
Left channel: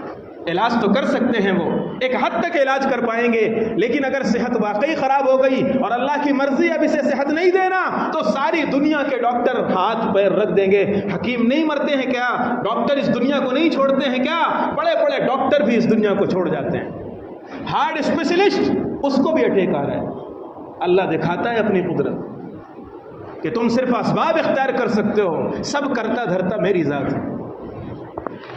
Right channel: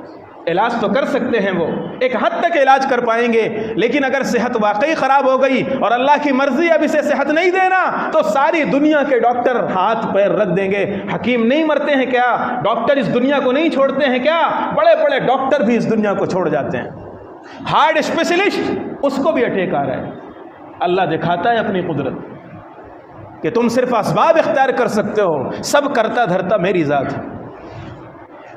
علاج تو کر سکتے ہیں، وہ ایک حد تک علاج کر پائیں گے، لیکن اگر صحت واقعی خراب ہو گئی اور اللہ کی مرضی اب اسے صحت نہیں دینا تو ساری دنیا کے ڈاکٹر ہاتھ پیر رکھ دیں گے۔ حکیم نہیں مرتے ہیں کیا؟ ڈاکٹر اس دنیا کو نہیں چھوڑتے ہیں کیا؟ بڑے بڑے ڈاکٹر بھی اس دنیا کو چھوڑ جاتے ہیں۔ ہارٹ اسپیشلسٹ اس کو بھی اٹیک آ رہا ہے۔ اللہ دکھاتا ہے اپنی قدرت کہ تم صرف اسباب اختیار کر سکتے ہو، سب کرتا دھرتا میری ذات ہے۔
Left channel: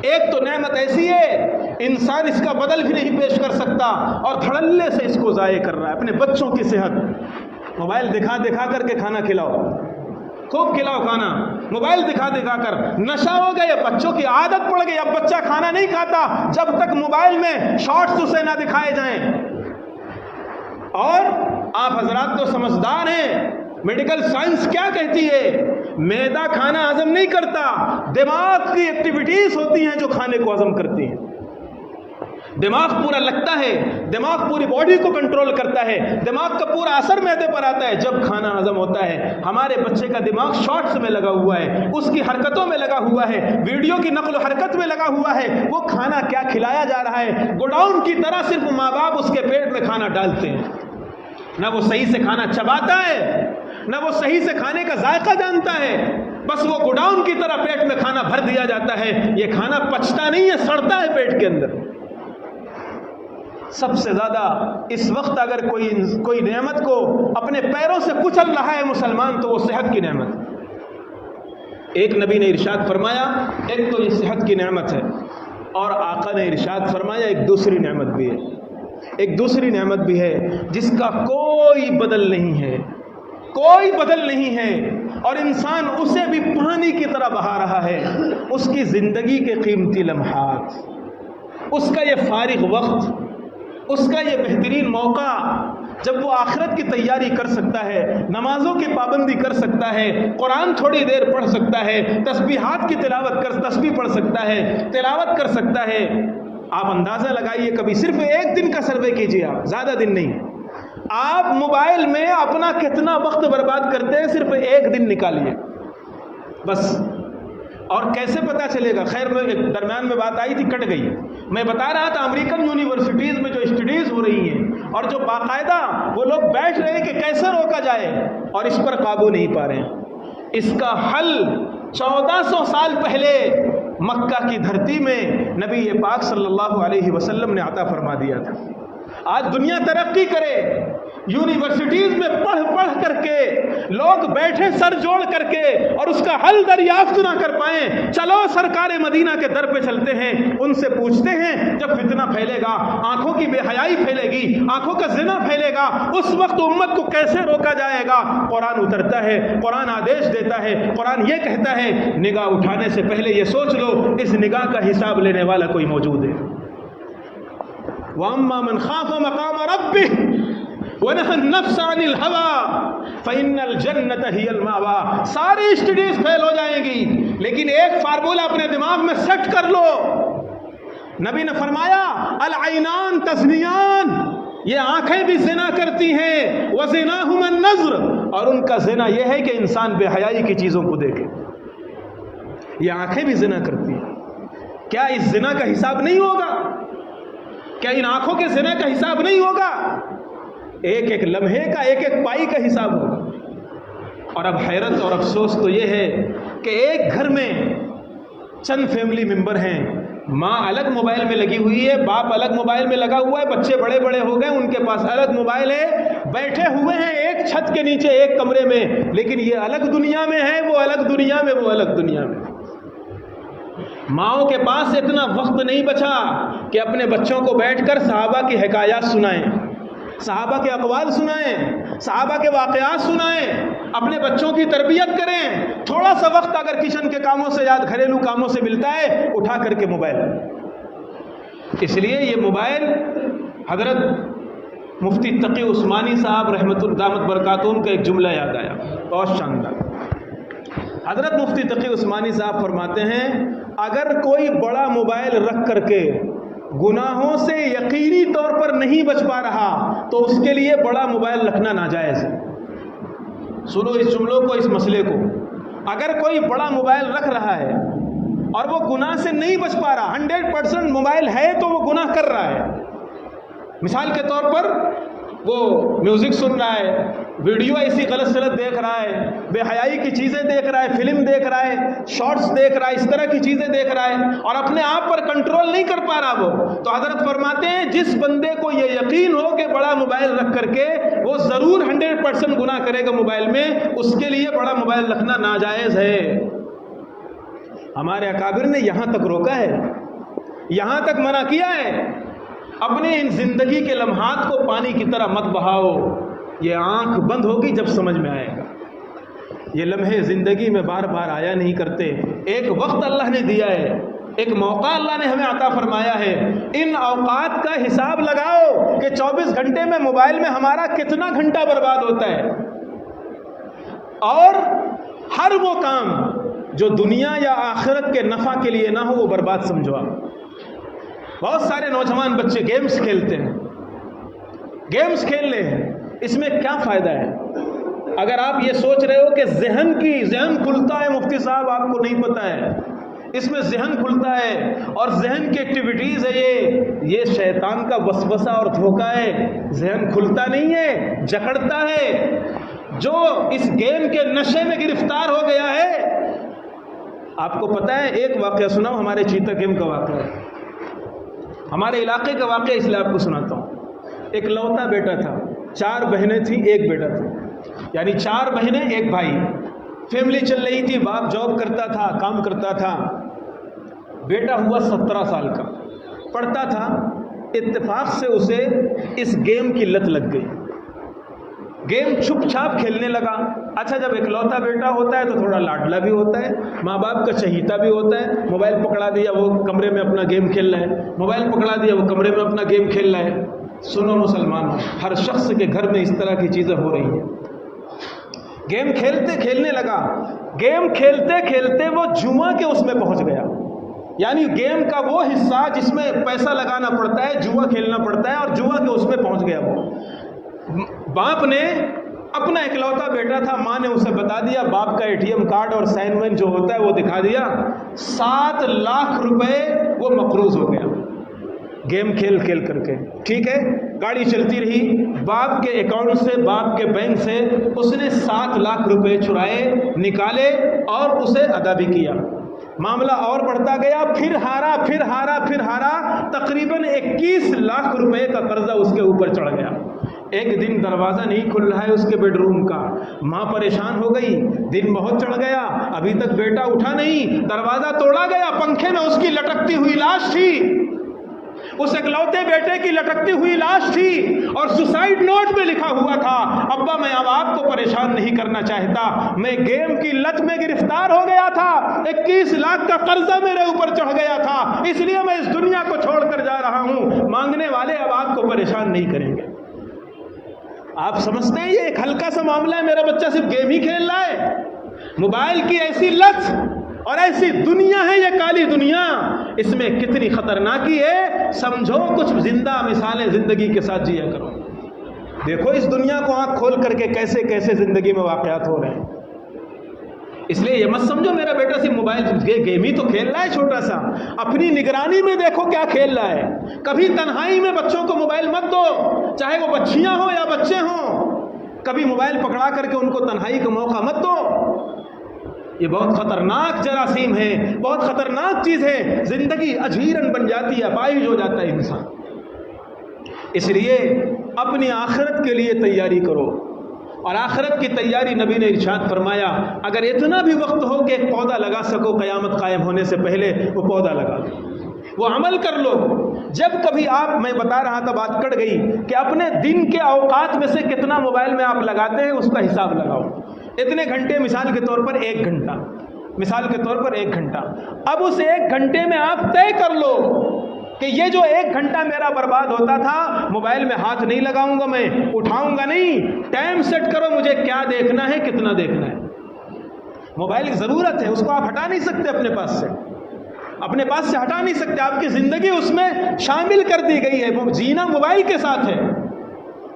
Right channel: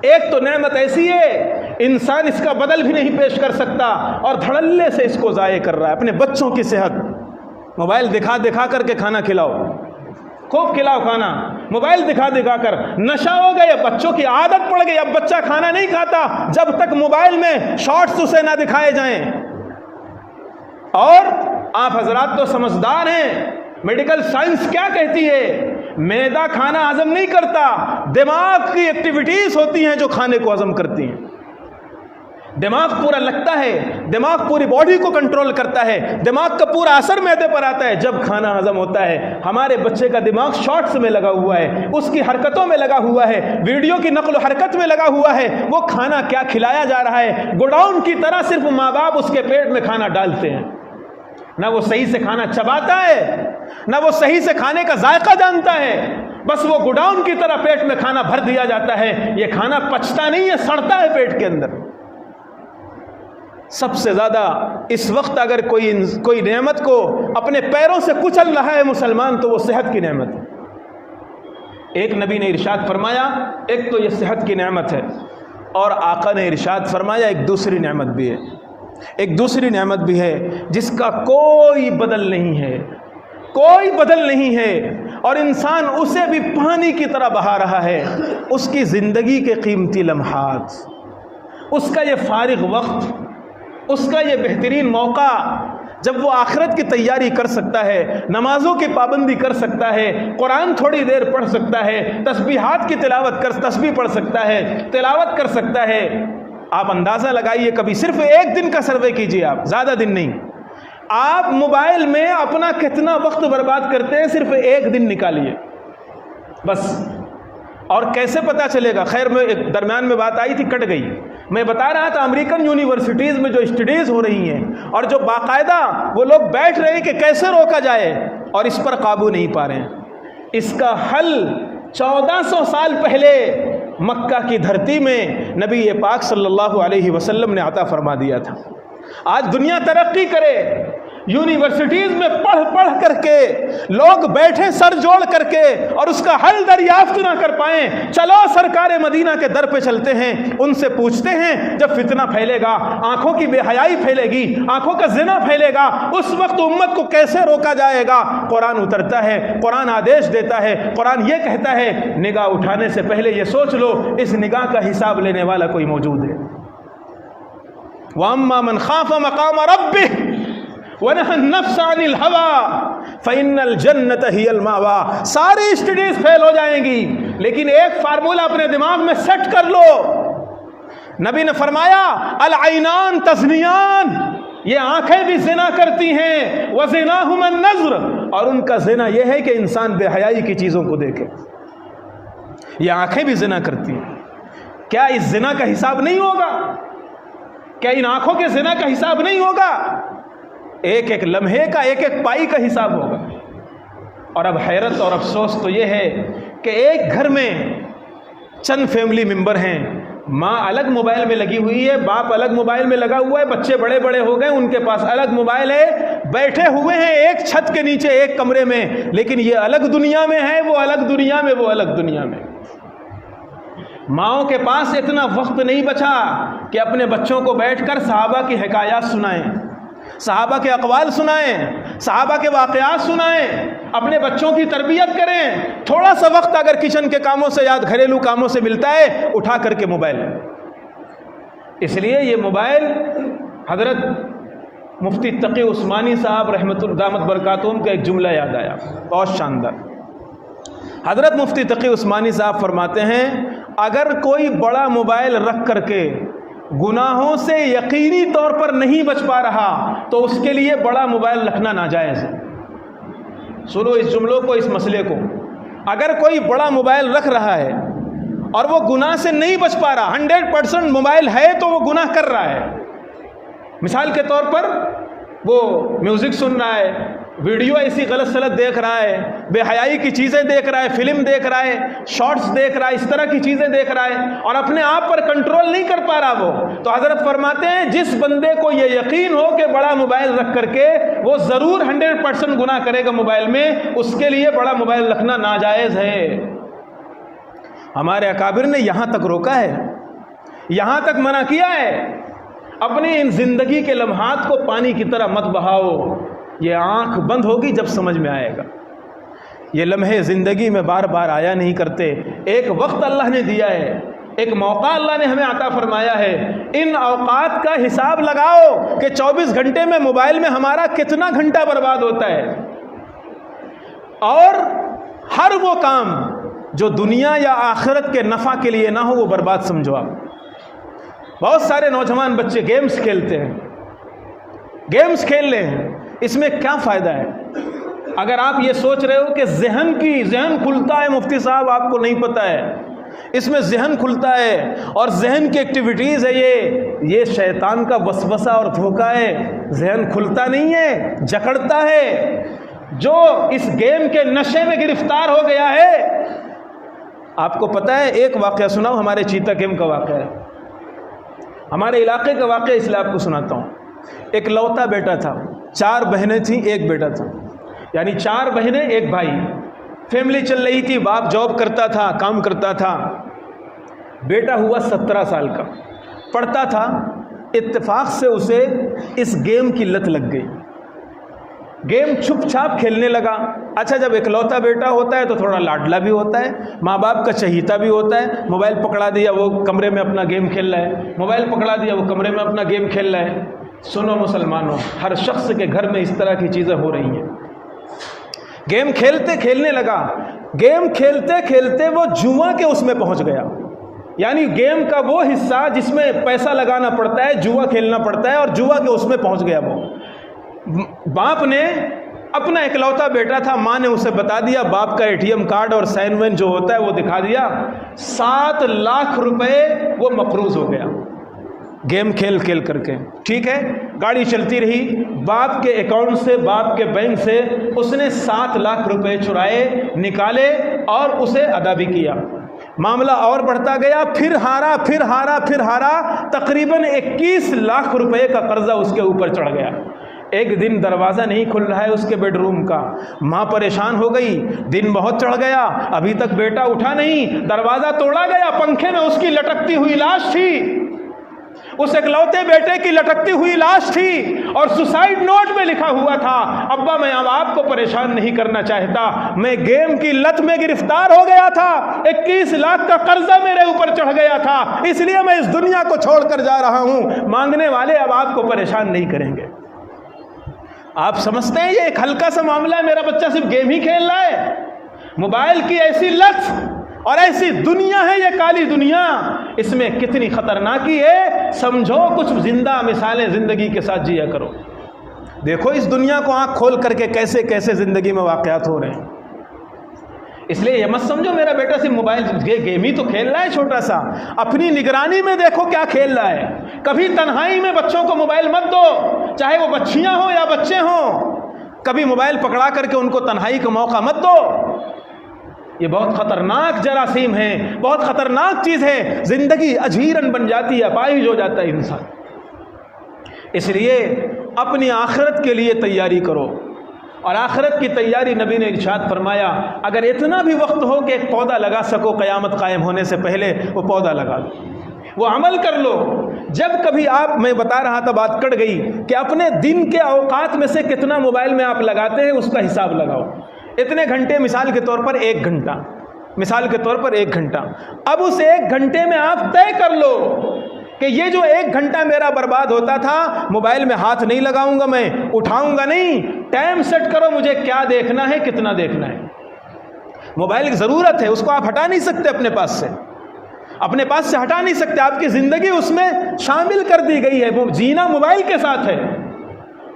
ایک تو نعمت ایسی ہے انسان اس کا بدل بھی نہیں پیش کر سکتا اور دھڑلے سے اس کو ضائع کر رہا ہے۔ اپنے بچوں کی صحت، موبائل دکھا دکھا کر کے کھانا کھلاؤ، خوب کھلاؤ کھانا، موبائل دکھا دکھا کر نشہ ہو گیا، بچوں کی عادت پڑ گئی، اب بچہ کھانا نہیں کھاتا جب تک موبائل میں شارٹس اسے نہ دکھائے جائیں۔ اور آپ حضرات تو سمجھدار ہیں، میڈیکل سائنس کیا کہتی ہے؟ معدہ کھانا ہضم نہیں کرتا، دماغ کی ایکٹیویٹیز ہوتی ہیں جو کھانے کو ہضم کرتی ہیں۔ دماغ پورا لگتا ہے، دماغ پوری باڈی کو کنٹرول کرتا ہے، دماغ کا پورا اثر معدے پر آتا ہے جب کھانا ہضم ہوتا ہے۔ ہمارے بچے کا دماغ شارٹس میں لگا ہوا ہے، اس کی حرکتوں میں لگا ہوا ہے، ویڈیو کی نقل و حرکت میں لگا ہوا ہے، وہ کھانا کیا کھلایا جا رہا ہے، گوڈاؤن کی طرح صرف ماں باپ اس کے پیٹ میں کھانا ڈالتے ہیں، نہ وہ صحیح سے کھانا چباتا ہے، نہ وہ صحیح سے کھانے کا ذائقہ جانتا ہے، بس وہ گوڈاؤن کی طرح پیٹ میں کھانا بھر دیا جاتا ہے، یہ کھانا پچتا نہیں ہے، سڑتا ہے پیٹ کے اندر۔ سب سے زیادہ اس وقت اگر کوئی نعمت کو اپنے پیروں سے کچل رہا ہے مسلمان تو وہ صحت کی نعمت ہے۔ ایک نبی نے ارشاد فرمایا ایک تو یہ صحت کی نعمت ہے، اور آقا نے ارشاد فرمایا ایک دوسری نعمت بھی ہے، ایک دوسری نعمت بھی ہے جس کا کوئی بدل نہیں ہے، کوئی بدل نہیں ہے، اور انسان اسے بھی پانی کی طرح بہا رہا ہے، اس کی زندگی کے قیمتی لمحات، اس کا یہ فارغ وقت، اس کا یہ بہترین موقع جب وہ آخرت کی تیاری کر سکتا ہے، نمازوں کی پابندی کر سکتا ہے، قرآن تھوڑی دیر پڑھ سکتا ہے، تسبیحات کی تسبیح پڑھ سکتا ہے، تلاوت کر سکتا ہے۔ آپ اندازہ لگائیے، کبھی صرف ایک دن کا سروے کیجئے، آپ زیادہ دن نہیں، آپ موبائل میں اپنا کتنا وقت برباد کرتے ہیں، صرف ایک دن نکالیے بس۔ اور کیسے پتہ چلے گا؟ خیر میں درمیان میں بات آئی تھی، کٹ گئی، میں بتا رہا تھا امریکن یونیورسٹیز میں جو اسٹڈیز ہو رہی ہیں اور جو باقاعدہ وہ لوگ بیٹھ رہے ہیں کہ کیسے روکا جائے اور اس پر قابو نہیں پا رہے، اس کا حل 1400 سال پہلے مکہ کی دھرتی میں نبی پاک صلی اللہ علیہ وسلم نے عطا فرما دیا تھا۔ آج دنیا ترقی کرے، یونیورسٹیز میں پڑھ پڑھ کر کے لوگ بیٹھے سر جوڑ کر کے اور اس کا حل دریافت نہ کر پائیں. چلو سرکار مدینہ کے در پہ چلتے ہیں, ان سے پوچھتے ہیں جب فتنہ پھیلے گا, آنکھوں کی بے حیائی پھیلے گی, آنکھوں کا زنا پھیلے گا, اس وقت امت کو کیسے روکا جائے گا. قرآن اترتا ہے, قرآن آدیش دیتا ہے, قرآن یہ کہتا ہے نگاہ اٹھانے سے پہلے یہ سوچ لو اس نگاہ کا حساب لینے والا کوئی موجود ہے. وَأَمَّا مَنْ خَافَ مَقَامَ رَبِّهِ وَنَهَى النَّفْسَ عَنِ الْهَوَىٰ فَإِنَّ الْجَنَّةَ هِيَ الْمَأْوَىٰ. ساری اسٹڈیز فیل ہو جائیں گی, لیکن ایک فارمولہ اپنے دماغ میں سیٹ کر لو. نبی نے فرمایا العینان تزنیان, یہ آنکھیں بھی زنا کرتی ہیں, وَزِنَاهُمَا النَّظْرُ, اور ان کا زنا یہ ہے کہ انسان بے حیائی کی چیزوں کو دیکھے. یہ آنکھیں بھی زنا کرتی ہیں. کیا اس زنا کا حساب نہیں ہوگا؟ کیا ان آنکھوں کے زنا کا حساب نہیں ہوگا؟ ایک ایک لمحے کا, ایک ایک پائی کا حساب ہوگا. اور اب حیرت اور افسوس تو یہ ہے کہ ایک گھر میں چند فیملی ممبر ہیں, ماں الگ موبائل میں لگی ہوئی ہے, باپ الگ موبائل میں لگا ہوا ہے, بچے بڑے بڑے ہو گئے, ان کے پاس الگ موبائل ہے, بیٹھے ہوئے ہیں ایک چھت کے نیچے ایک کمرے میں, لیکن یہ الگ دنیا میں ہے, وہ الگ دنیا میں, وہ الگ دنیا میں. ماؤں کے پاس اتنا وقت نہیں بچا کہ اپنے بچوں کو بیٹھ کر صحابہ کی حکایات سنائیں, صحابہ کے اقوال سنائیں, صحابہ کے واقعات سنائیں, اپنے بچوں کی تربیت کریں. تھوڑا سا وقت اگر کچن کے کاموں سے یا گھریلو کاموں سے ملتا ہے, اٹھا کر کے موبائل. اس لیے یہ موبائل حضرت مفتی تقی عثمانی صاحب رحمۃ اللہ برکاتہم کا ایک جملہ یاد آیا, بہت شاندار. حضرت مفتی تقی عثمانی صاحب فرماتے ہیں اگر کوئی بڑا موبائل رکھ کر کے گناہوں سے یقینی طور پر نہیں بچ پا رہا تو اس کے لیے بڑا موبائل رکھنا ناجائز ہے. سنو اس جملوں کو, اس مسئلے کو. اگر کوئی بڑا موبائل رکھ رہا ہے اور وہ گناہ سے نہیں بچ پا رہا, 100% موبائل ہے تو وہ گناہ کر رہا ہے. مثال کے طور پر وہ میوزک سن رہا ہے, ویڈیو ایسی غلط سلط دیکھ رہا ہے, بے حیائی کی چیزیں دیکھ رہا ہے, فلم دیکھ رہا ہے, شارٹس دیکھ رہا ہے, اس طرح کی چیزیں دیکھ رہا ہے اور اپنے آپ پر کنٹرول نہیں کر پا رہا وہ, تو حضرت فرماتے ہیں جس بندے کو یہ یقین ہو کہ بڑا موبائل رکھ کر کے وہ ضرور 100% گناہ کرے گا موبائل میں, اس کے لیے بڑا موبائل رکھنا ناجائز ہے. ہمارے اکابر نے یہاں تک روکا ہے, یہاں تک منع کیا ہے. اپنے ان زندگی کے لمحات کو پانی کی طرح مت بہاؤ, یہ آنکھ بند ہوگی جب سمجھ میں آئے گا. یہ لمحے زندگی میں بار بار آیا نہیں کرتے. ایک وقت اللہ نے دیا ہے, ایک موقع اللہ نے ہمیں عطا فرمایا ہے. ان اوقات کا حساب لگاؤ کہ 24 گھنٹے میں موبائل میں ہمارا کتنا گھنٹہ برباد ہوتا ہے, اور ہر وہ کام جو دنیا یا آخرت کے نفع کے لیے نہ ہو وہ برباد سمجھو. بہت سارے نوجوان بچے گیمز کھیلتے ہیں, گیمز کھیل رہے ہیں, اس میں کیا فائدہ ہے؟ اگر آپ یہ سوچ رہے ہو کہ ذہن کھلتا ہے, مفتی صاحب آپ کو نہیں پتہ ہے, اس میں ذہن کھلتا ہے اور ذہن کی ایکٹیویٹیز ہے, یہ شیطان کا وسوسہ اور دھوکہ ہے. ذہن کھلتا نہیں ہے, جکڑتا ہے. جو اس گیم کے نشے میں گرفتار ہو گیا ہے, آپ کو پتہ ہے ایک واقعہ سناؤ, ہمارے چیتا گیم کا واقعہ ہے, ہمارے علاقے کا واقعہ, اس لیے آپ کو سناتا ہوں. ایک لوتا بیٹا تھا, 4 بہنیں تھیں, ایک بیٹا تھا, یعنی 4 بہنیں ایک بھائی. فیملی چل رہی تھی, باپ جاب کرتا تھا, کام کرتا تھا. بیٹا ہوا 17 سال کا, پڑھتا تھا. اتفاق سے اسے اس گیم کی لت لگ گئی, گیم چھپ چھاپ کھیلنے لگا. اچھا جب اکلوتا بیٹا ہوتا ہے تو تھوڑا لاڈلا بھی ہوتا ہے, ماں باپ کا چہیتا بھی ہوتا ہے. موبائل پکڑا دیا, وہ کمرے میں اپنا گیم کھیل رہا ہے, موبائل پکڑا دیا, وہ کمرے میں اپنا گیم کھیل رہا ہے. سنو مسلمانوں, ہر شخص کے گھر میں اس طرح کی چیزیں ہو رہی ہیں. گیم کھیلنے لگا, گیم کھیلتے کھیلتے وہ جوا کے اس میں پہنچ گیا. یعنی گیم کا وہ حصہ جس میں پیسہ لگانا پڑتا ہے, جوا کھیلنا پڑتا ہے, اور جوا کے اس میں پہنچ گیا. وہ باپ نے, اپنا اکلوتا بیٹا تھا, ماں نے اسے بتا دیا, باپ کا ATM کارڈ اور سائن وین جو ہوتا ہے وہ دکھا دیا. 7 لاکھ روپے وہ مقروض ہو گیا گیم کھیل کر کے. ٹھیک ہے, گاڑی چلتی رہی, باپ کے اکاؤنٹ سے, باپ کے بینک سے اس نے 7 لاکھ روپے چرائے, نکالے اور اسے ادا بھی کیا. معاملہ اور بڑھتا گیا, پھر ہارا, تقریباً 21 لاکھ روپے کا قرضہ اس کے اوپر چڑھ گیا. ایک دن دروازہ نہیں کھل رہا ہے اس کے بیڈ روم کا، ماں پریشان ہو گئی، دن بہت چڑھ گیا، ابھی تک بیٹا اٹھا نہیں، دروازہ توڑا گیا، پنکھے میں اس کی لٹکتی ہوئی لاش تھی، اس اکلوتے بیٹے کی لٹکتی ہوئی لاش تھی، اور سوسائڈ نوٹ میں لکھا ہوا تھا، ابا میں اب آپ کو پریشان نہیں کرنا چاہتا، میں گیم کی لت میں گرفتار ہو گیا تھا، 21 لاکھ کا قرضہ میرے اوپر چڑھ گیا تھا، اس لیے میں اس دنیا کو چھوڑ کر جا رہا ہوں، مانگنے والے اب آپ کو پریشان نہیں کریں گے۔ آپ سمجھتے ہیں یہ ایک ہلکا سا معاملہ ہے، میرا بچہ صرف گیم ہی کھیل رہا ہے؟ موبائل کی ایسی لت اور ایسی دنیا ہے یہ کالی دنیا، اس میں کتنی خطرناکی ہے سمجھو، کچھ زندہ مثالیں زندگی کے ساتھ جیا کرو، دیکھو اس دنیا کو آنکھ کھول کر کے کیسے کیسے زندگی میں واقعات ہو رہے ہیں۔ اس لیے یہ مت سمجھو میرا بیٹا صرف موبائل گیم ہی تو کھیل رہا ہے چھوٹا سا، اپنی نگرانی میں دیکھو کیا کھیل رہا ہے۔ کبھی تنہائی میں بچوں کو موبائل مت دو، چاہے وہ بچیاں ہوں یا بچے ہوں، کبھی موبائل پکڑا کر کے ان کو تنہائی کا موقع مت دو، یہ بہت خطرناک جراثیم ہے، بہت خطرناک چیز ہے، زندگی اجیرن بن جاتی ہے، اپاہج ہو جاتا ہے انسان۔ اس لیے اپنی آخرت کے لیے تیاری کرو، اور آخرت کی تیاری نبی نے ارشاد فرمایا اگر اتنا بھی وقت ہو کہ ایک پودا لگا سکو قیامت قائم ہونے سے پہلے، وہ پودا لگا لو، وہ عمل کر لو۔ جب کبھی آپ، میں بتا رہا تھا بات کٹ گئی، کہ اپنے دن کے اوقات میں سے کتنا موبائل میں آپ لگاتے ہیں اس کا حساب لگاؤ۔ اتنے گھنٹے، مثال کے طور پر 1 گھنٹہ، مثال کے طور پر 1 گھنٹہ، اب اس 1 گھنٹے میں آپ طے کر لو کہ یہ جو 1 گھنٹہ میرا برباد ہوتا تھا، موبائل میں ہاتھ نہیں لگاؤں گا، میں اٹھاؤں گا نہیں، ٹائم سیٹ کرو مجھے کیا دیکھنا ہے، کتنا دیکھنا ہے۔ موبائل کی ضرورت ہے، اس کو آپ ہٹا نہیں سکتے اپنے پاس سے، اپنے پاس سے ہٹا نہیں سکتے، آپ کی زندگی اس میں شامل کر دی گئی ہے، وہ جینا موبائل کے ساتھ ہے،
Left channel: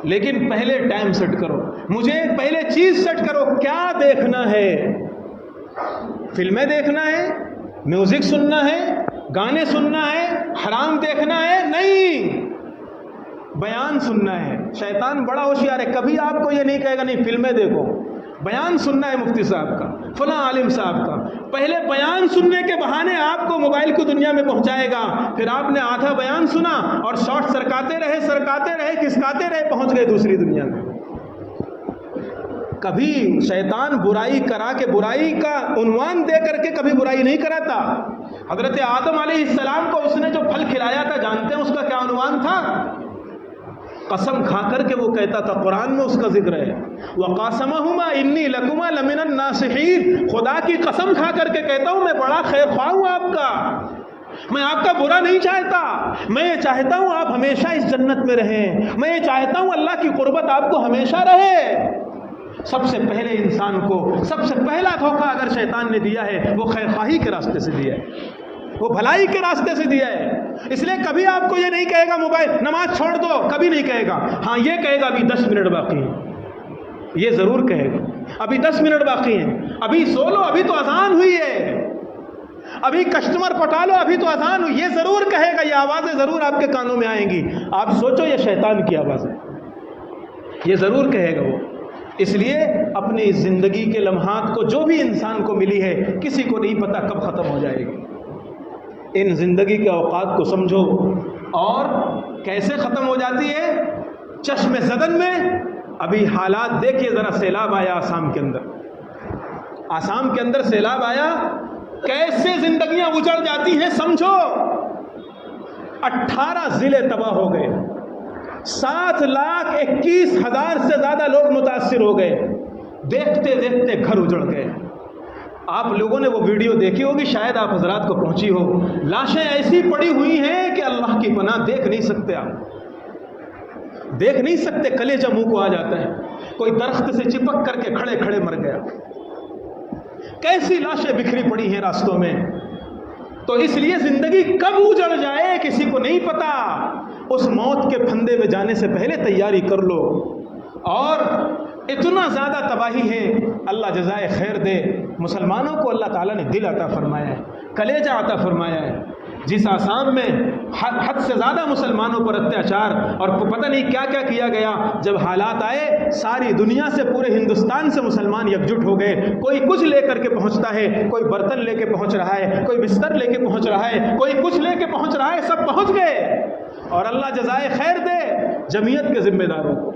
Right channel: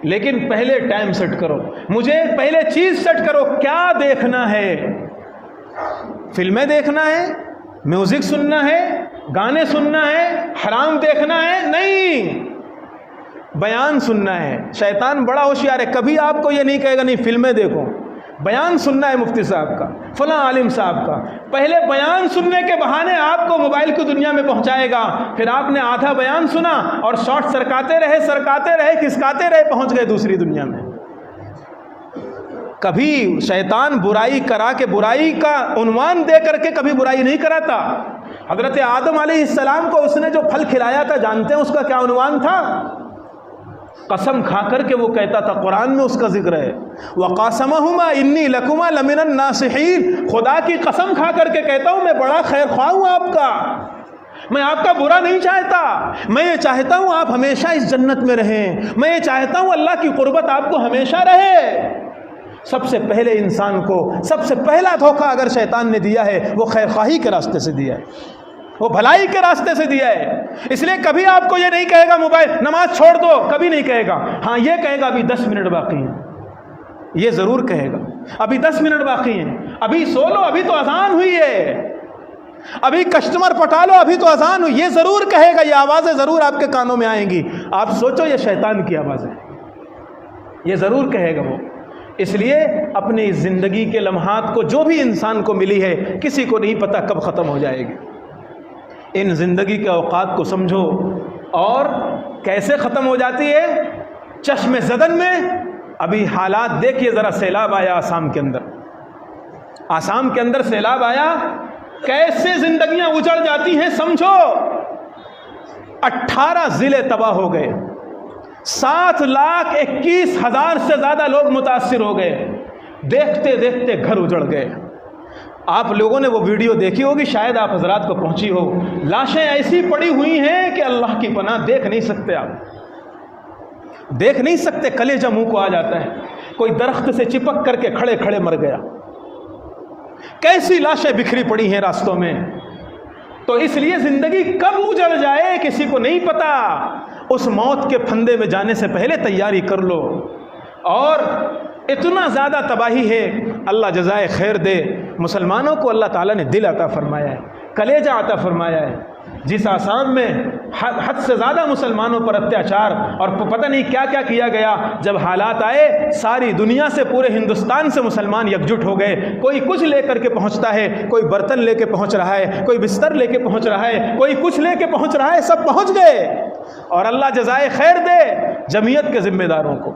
لیکن پہلے ٹائم سیٹ کرو، مجھے پہلے چیز سیٹ کرو، کیا دیکھنا ہے؟ فلمیں دیکھنا ہے، میوزک سننا ہے، گانے سننا ہے، حرام دیکھنا ہے؟ نہیں، بیان سننا ہے۔ شیطان بڑا ہوشیار ہے، کبھی آپ کو یہ نہیں کہے گا نہیں فلمیں دیکھو، بیان سننا ہے مفتی صاحب کا، فلاں عالم صاحب کا، پہلے بیان سننے کے بہانے آپ کو موبائل کی دنیا میں پہنچائے گا، پھر آپ نے آدھا بیان سنا اور شارٹ سرکاتے رہے کھسکاتے رہے، پہنچ گئے دوسری دنیا میں۔ کبھی شیطان برائی کرا کے، برائی کا عنوان دے کر کے کبھی برائی نہیں کراتا۔ حضرت آدم علیہ السلام کو اس نے جو پھل کھلایا تھا، جانتے ہیں اس کا کیا عنوان تھا؟ قسم کھا کر کے وہ کہتا تھا، قرآن میں اس کا ذکر ہے، وَقَاسَمَهُمَا إِنِّي لَكُمَا لَمِنَ النَّاصِحِينَ، خدا کی قسم کھا کر کے کہتا ہوں میں بڑا خیر خواہ ہوں آپ کا، میں آپ کا برا نہیں چاہتا، میں یہ چاہتا ہوں آپ ہمیشہ اس جنت میں رہیں، میں یہ چاہتا ہوں اللہ کی قربت آپ کو ہمیشہ رہے۔ سب سے پہلے انسان کو سب سے پہلا دھوکہ اگر شیطان نے دیا ہے وہ خیر خواہی کے راستے سے دیا ہے، وہ بھلائی کے راستے سے دیا ہے۔ اس لیے کبھی آپ کو یہ نہیں کہے گا موبائل نماز چھوڑ دو، کبھی نہیں کہے گا، ہاں یہ کہے گا ابھی 10 منٹ باقی ہیں، یہ ضرور کہے گا ابھی 10 منٹ باقی ہیں، ابھی سو لو، ابھی تو اذان ہوئی ہے، ابھی کسٹمر پٹا لو، ابھی تو اذان ہوئی، یہ ضرور کہے گا، یہ آوازیں ضرور آپ کے کانوں میں آئیں گی۔ آپ سوچو یہ شیطان کی آواز ہے، یہ ضرور کہے گا وہ۔ اس لیے اپنے اس زندگی کے لمحات کو، جو بھی انسان کو ملی ہے، کسی کو نہیں پتا کب ختم ہو جائے گی، ان زندگی کے اوقات کو سمجھو۔ اور کیسے ختم ہو جاتی ہے؟ چشم زدن میں۔ ابھی حالات دیکھیے ذرا، سیلاب آیا آسام کے اندر، آسام کے اندر سیلاب آیا، کیسے زندگیاں اجڑ جاتی ہیں سمجھو۔ 18 ضلع تباہ ہو گئے، 7,21,000 سے زیادہ لوگ متاثر ہو گئے، دیکھتے دیکھتے گھر اجڑ گئے۔ آپ لوگوں نے وہ ویڈیو دیکھی ہوگی، شاید آپ حضرات کو پہنچی ہو، لاشیں ایسی پڑی ہوئی ہیں کہ اللہ کی پناہ دیکھ نہیں سکتے، آپ دیکھ نہیں سکتے، کلیجہ منہ کو آ جاتا ہے۔ کوئی درخت سے چپک کر کے کھڑے کھڑے مر گیا، کیسی لاشیں بکھری پڑی ہیں راستوں میں۔ تو اس لیے زندگی کب اجڑ جائے کسی کو نہیں پتا، اس موت کے پھندے میں جانے سے پہلے تیاری کر لو۔ اور اتنا زیادہ تباہی ہے، اللہ جزائے خیر دے، مسلمانوں کو اللہ تعالیٰ نے دل عطا فرمایا ہے، کلیجہ عطا فرمایا ہے۔ جس آسام میں حد سے زیادہ مسلمانوں پر اتیاچار اور پتہ نہیں کیا کیا کیا گیا، جب حالات آئے ساری دنیا سے، پورے ہندوستان سے مسلمان یکجٹ ہو گئے، کوئی کچھ لے کر کے پہنچتا ہے، کوئی برتن لے کے پہنچ رہا ہے، کوئی بستر لے کے پہنچ رہا ہے، کوئی کچھ لے کے پہنچ رہا ہے، سب پہنچ گئے۔ اور اللہ جزائے خیر دے جمعیت کے ذمہ داروں کو،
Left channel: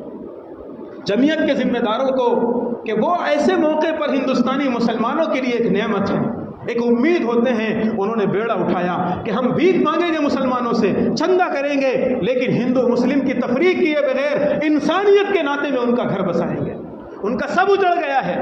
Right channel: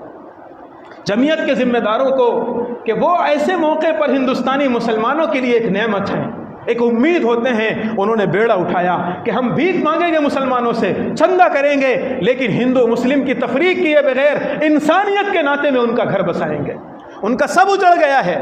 جمعیت کے ذمہ داروں کو کہ وہ ایسے موقع پر ہندوستانی مسلمانوں کے لیے ایک نعمت ہے، ایک امید ہوتے ہیں. انہوں نے بیڑا اٹھایا کہ ہم بھیک مانگیں گے مسلمانوں سے، چندہ کریں گے، لیکن ہندو مسلم کی تفریق کیے بغیر انسانیت کے ناطے میں ان کا گھر بسائیں گے. ان کا سب اجڑ گیا ہے،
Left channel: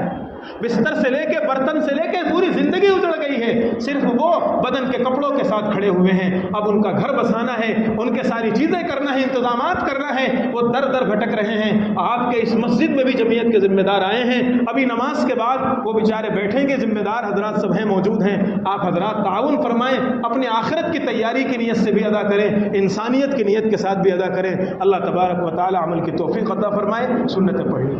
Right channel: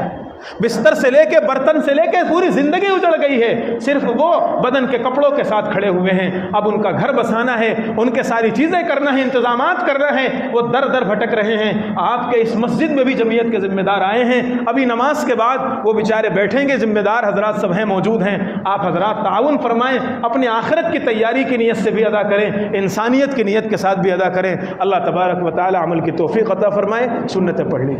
بستر سے لے کے برتن سے لے کے پوری زندگی اجڑ گئی ہے، صرف وہ بدن کے کپڑوں کے ساتھ کھڑے ہوئے ہیں. اب ان کا گھر بسانا ہے، ان کے ساری چیزیں کرنا ہے، انتظامات کرنا ہے، وہ در در بھٹک رہے ہیں. آپ کے اس مسجد میں بھی جمعیت کے ذمہ دار آئے ہیں، ابھی نماز کے بعد وہ بیچارے بیٹھیں گے، ذمہ دار حضرات سب ہیں، موجود ہیں. آپ حضرات تعاون فرمائیں، اپنی آخرت کی تیاری کی نیت سے بھی ادا کریں، انسانیت کی نیت کے ساتھ بھی ادا کریں. اللہ تبارک و تعالی عمل کی توفیق عطا فرمائے. سنتیں پڑھ لی.